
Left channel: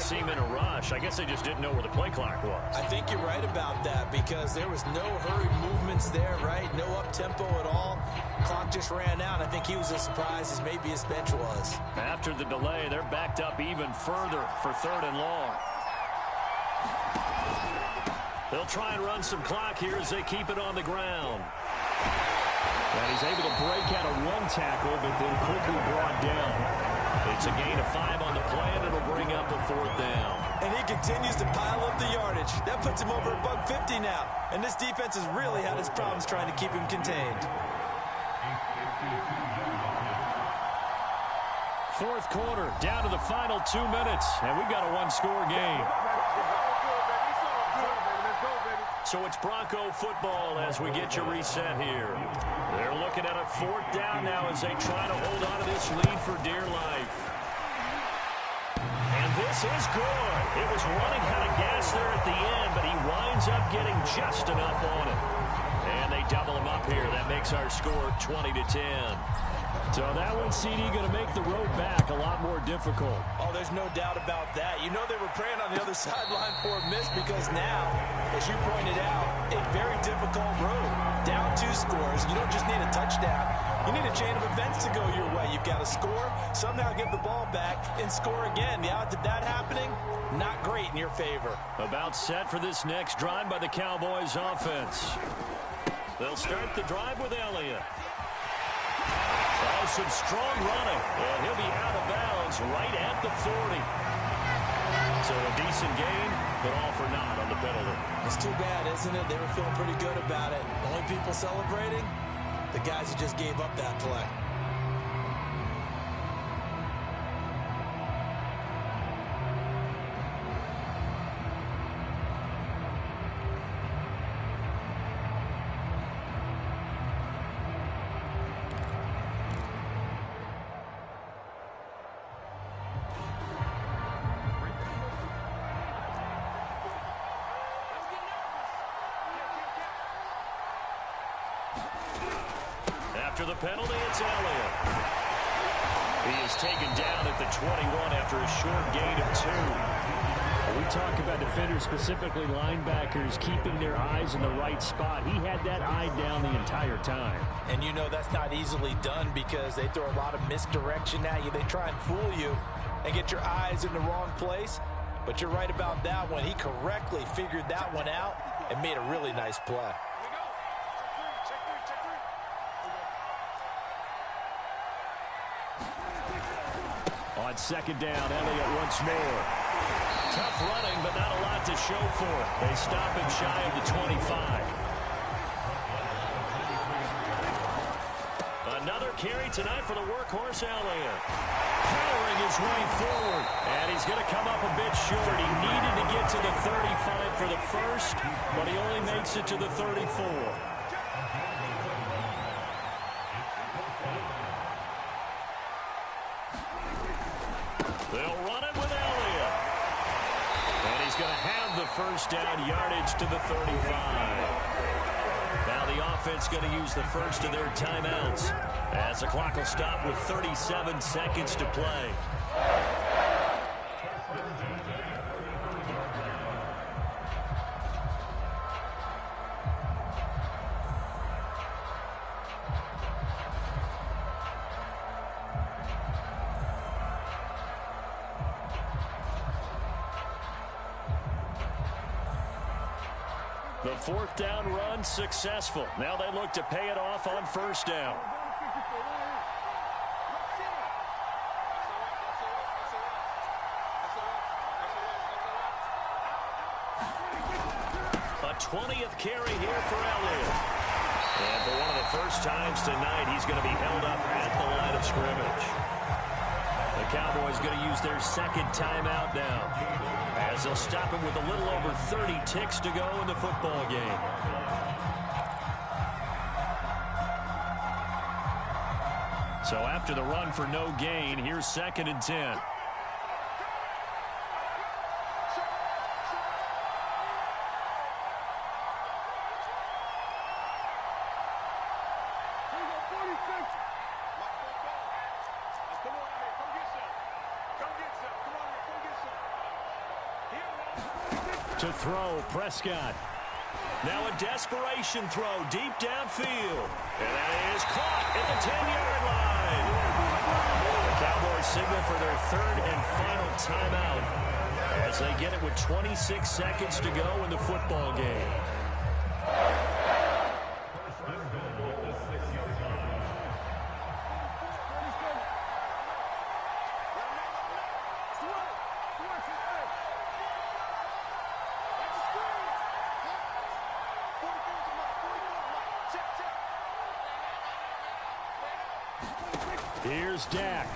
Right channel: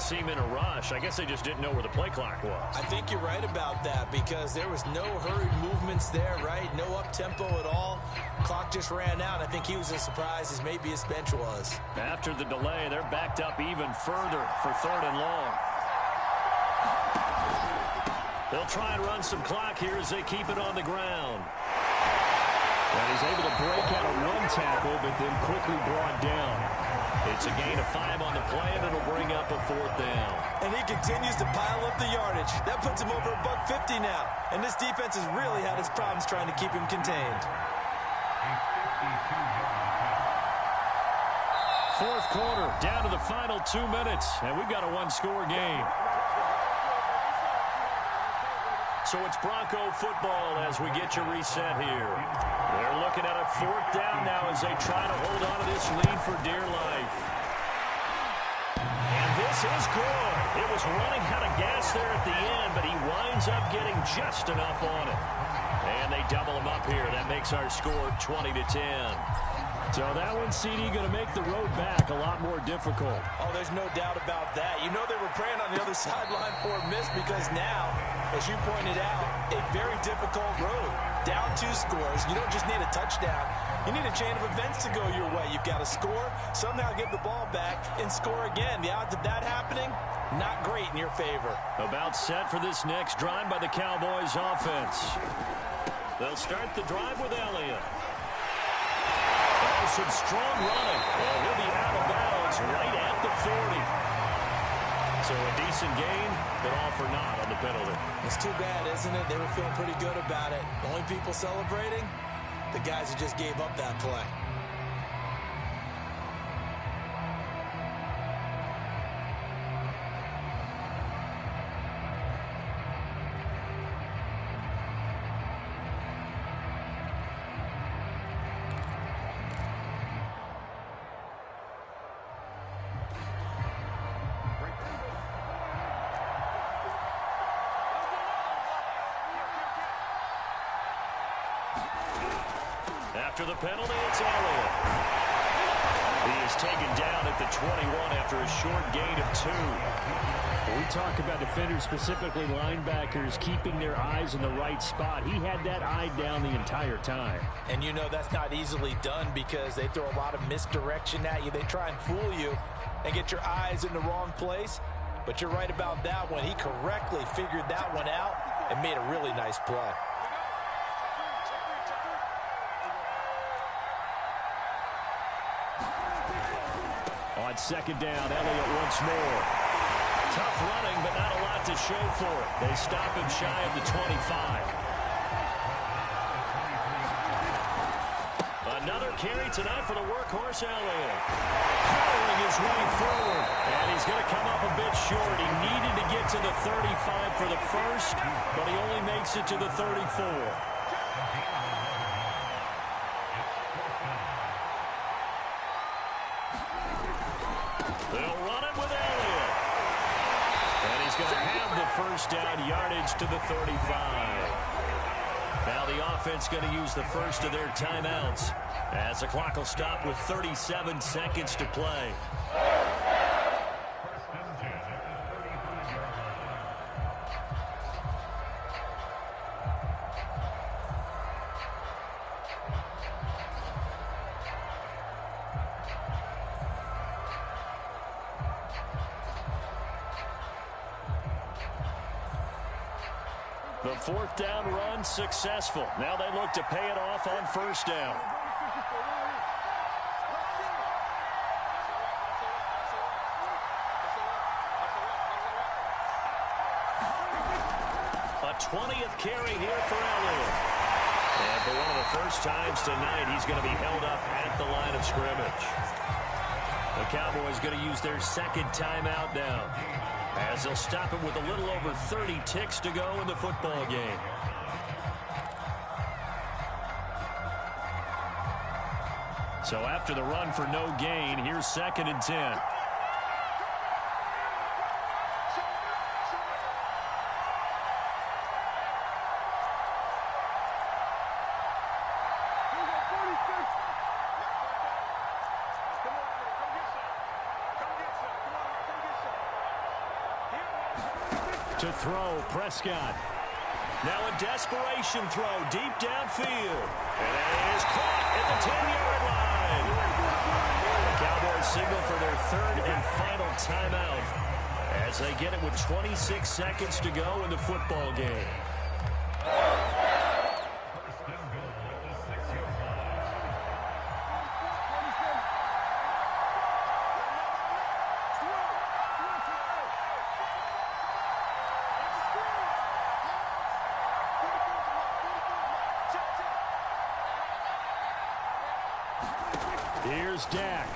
Seem in a rush. I guess they just didn't know where the play clock was. I think you're right about that because there was no hurried movements there, right? No up-tempo at all. Clock just ran out. I think he was as surprised as maybe his bench was. After the delay, they're backed up even further for 3rd and long. They'll try and run some clock here as they keep it on the ground. And he's able to break out of 1 tackle, but then quickly brought down. It's a gain of 5 on the play, and it'll bring up a 4th down. And he continues to pile up the yardage. That puts him over $150 now. And this defense has really had its problems trying to keep him contained. 4th quarter, down to the final 2 minutes, and we've got a 1-score game. So it's Bronco football as we get you reset here. They're looking at a 4th down now as they try to hold on to this lead for dear life. And this is good. It was running out of gas there at the end, but he winds up getting just enough on it. And they double him up here. That makes our score 20-10. So that one, CD, going to make the road back a lot more difficult. Oh, there's no doubt about that. You know they were praying on the other sideline for a miss because now, as you pointed out, a very difficult road. Down 2 scores. You don't just need a touchdown. You need a chain of events to go your way. You've got to score, somehow give the ball back, and score again. The odds of that happening, not great in your favor. About set for this next drive by the Cowboys offense. They'll start the drive with Elliott. Oh, some strong running. And he'll be out of bounds right at the 40. So a decent gain, but all for naught on the penalty. It's too bad, isn't it? They were feeling pretty good about it. The only people celebrating, the guys who just gave up that play. After the penalty, it's Elliott. He is taken down at the 21 after a short gain of 2. We talk about defenders, specifically linebackers, keeping their eyes in the right spot. He had that eye down the entire time. And you know that's not easily done because they throw a lot of misdirection at you. They try and fool you and get your eyes in the wrong place. But you're right about that one. He correctly figured that one out and made a really nice play. On 2nd down, Elliott once more. Tough running, but not a lot to show for it. They stop him shy of the 25. Another carry tonight for the workhorse Elliott. Powering his way forward. And he's going to come up a bit short. He needed to get to the 35 for the first, but he only makes it to the 34. They'll run it with Elliott. And he's going to have the 1st down, yardage to the 35. Now the offense going to use the first of their timeouts as the clock will stop with 37 seconds to play. The 4th down run successful. Now they look to pay it off on 1st down. A 20th carry here for Elliott. And for one of the first times tonight, he's going to be held up at the line of scrimmage. The Cowboys going to use their 2nd timeout now, as they'll stop him with a little over 30 ticks to go in the football game. So after the run for no gain, here's 2nd and 10. To throw, Prescott. Now a desperation throw deep downfield. And that is caught at the 10-yard line. The Cowboys signal for their 3rd and final timeout as they get it with 26 seconds to go in the football game. Here's Dak.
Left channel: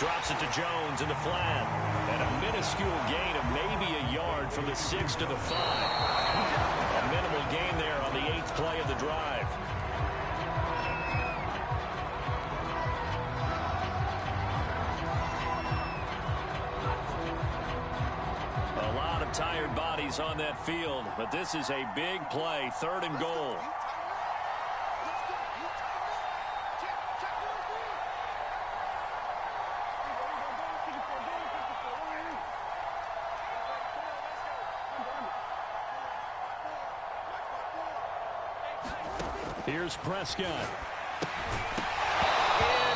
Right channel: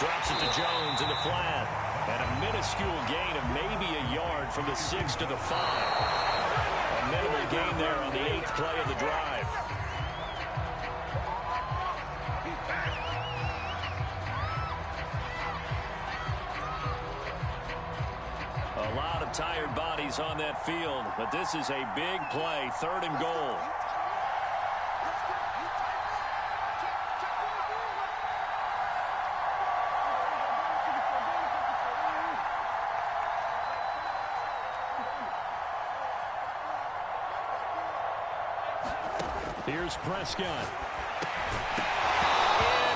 Drops it to Jones in the flat. And a minuscule gain of maybe a yard from the 6 to the 5. A minimal gain there on the 8th play of the drive. A lot of tired bodies on that field, but this is a big play, 3rd and goal. Here's Prescott.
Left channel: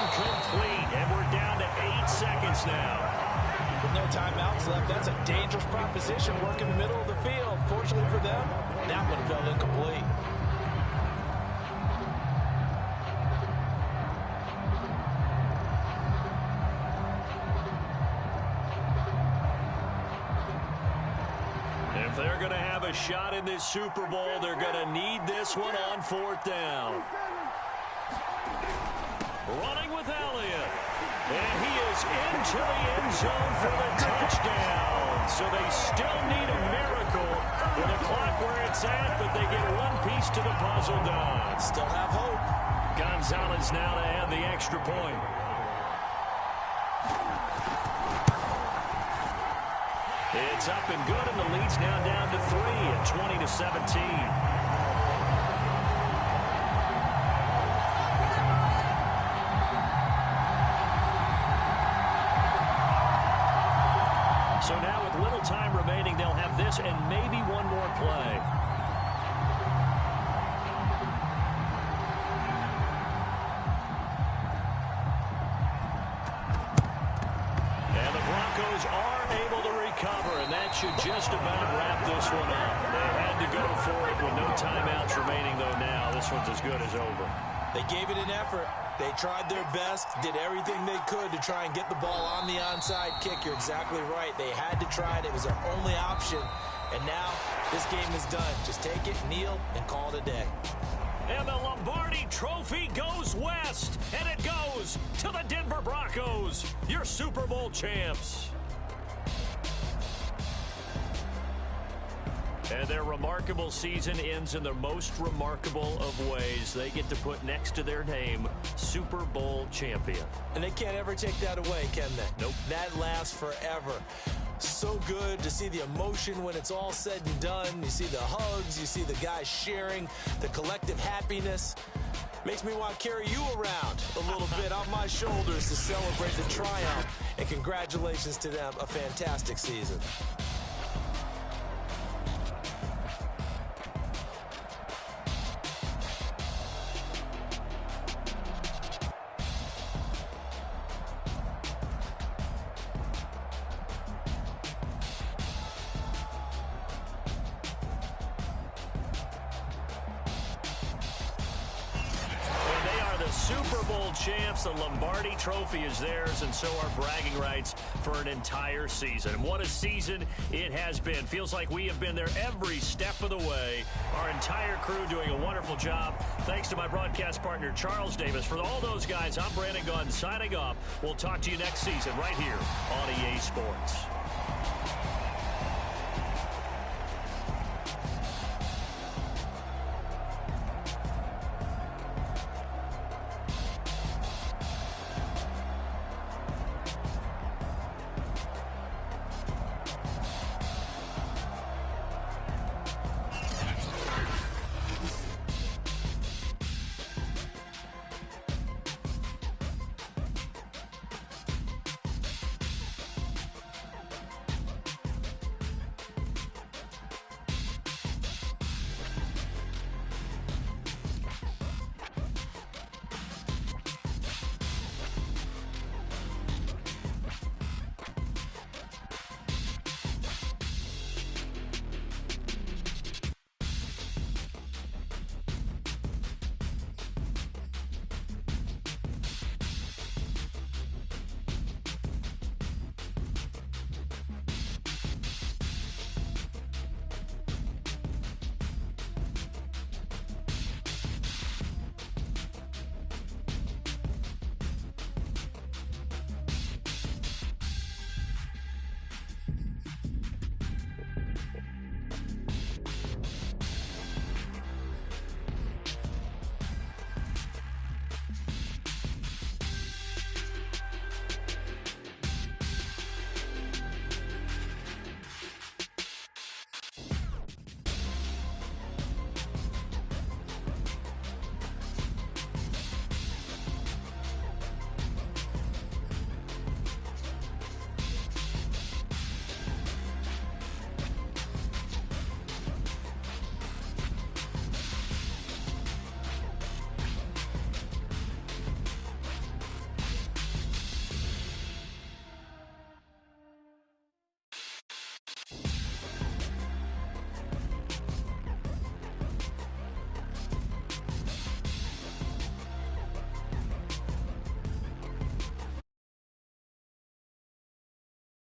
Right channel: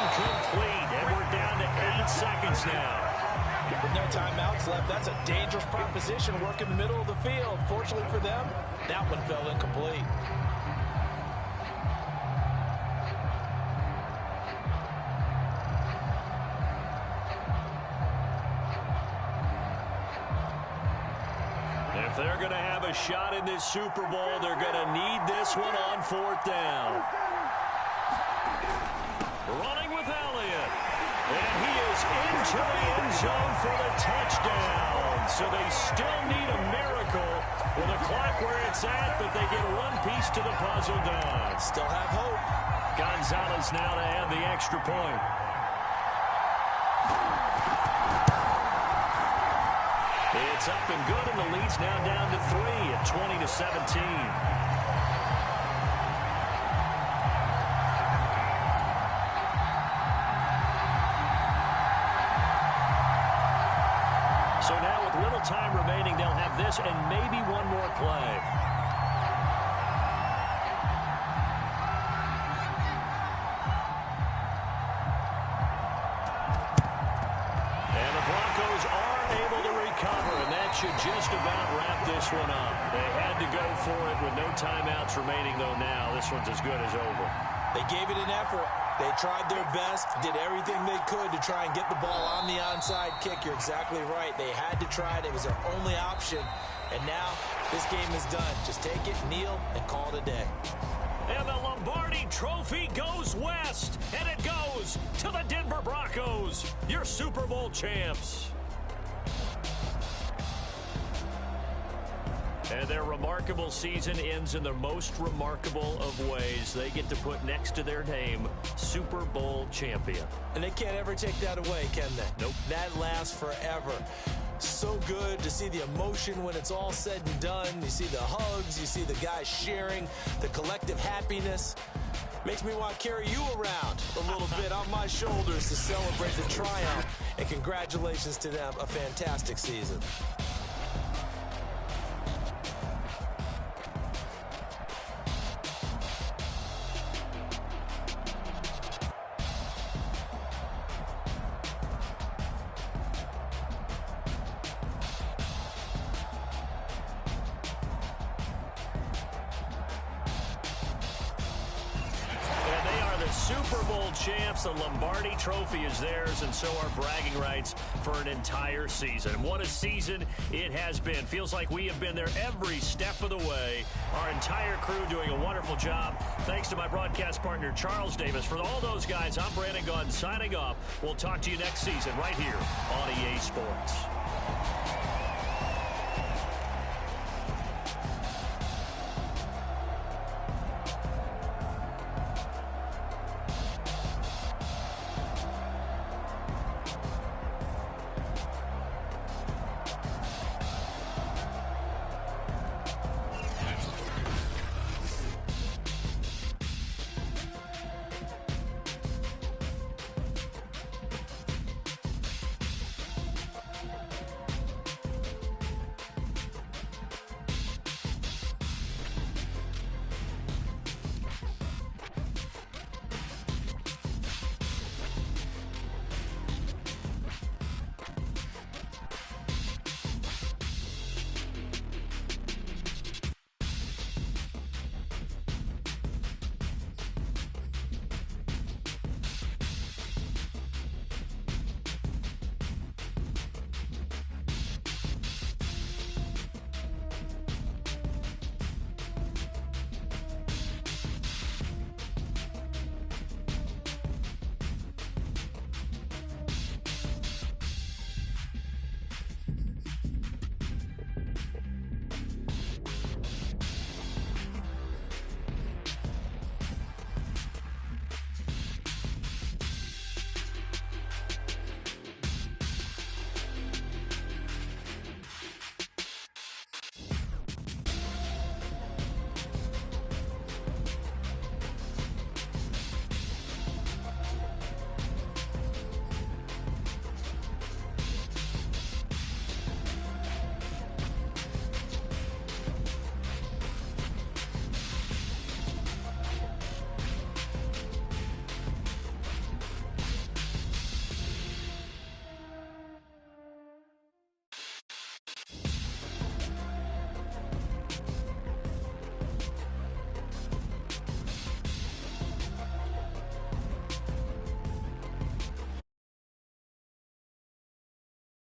Incomplete, and we're down to 8 seconds now. With no timeouts left, that's a dangerous proposition. Work in the middle of the field. Fortunately for them, that one fell incomplete. If they're going to have a shot in this Super Bowl, they're going to need this one on 4th down. Running with Elliott. And he is into the end zone for the touchdown. So they still need a miracle with the clock where it's at, but they get one piece to the puzzle done. Still have hope. Gonzalez now to add the extra point. It's up and good, and the lead's now down to 3 at 20-17. So now with little time remaining, they'll have this and maybe one more play. And the Broncos are able to recover, and that should just about wrap this one up. They had to go for it with no timeouts remaining, though now this one's as good as over. They gave it an effort. They tried their best, did everything they could to try and get the ball on the onside kick. You're exactly right. They had to try it. It was their only option. And now this game is done. Just take it, kneel, and call it a day. And the Lombardi Trophy goes west, and it goes to the Denver Broncos, your Super Bowl champs. And their remarkable season ends in the most remarkable of ways. They get to put next to their name, Super Bowl champion. And they can't ever take that away, can they? Nope. That lasts forever. So good to see the emotion when it's all said and done. You see the hugs, you see the guys sharing, the collective happiness. Makes me want to carry you around a little bit on my shoulders to celebrate the triumph. And congratulations to them, a fantastic season. Super Bowl champs. The Lombardi Trophy is theirs, and so are bragging rights for an entire season. What a season it has been. Feels like we have been there every step of the way. Our entire crew doing a wonderful job. Thanks to my broadcast partner, Charles Davis. For all those guys, I'm Brandon Gaudin signing off. We'll talk to you next season right here on EA Sports.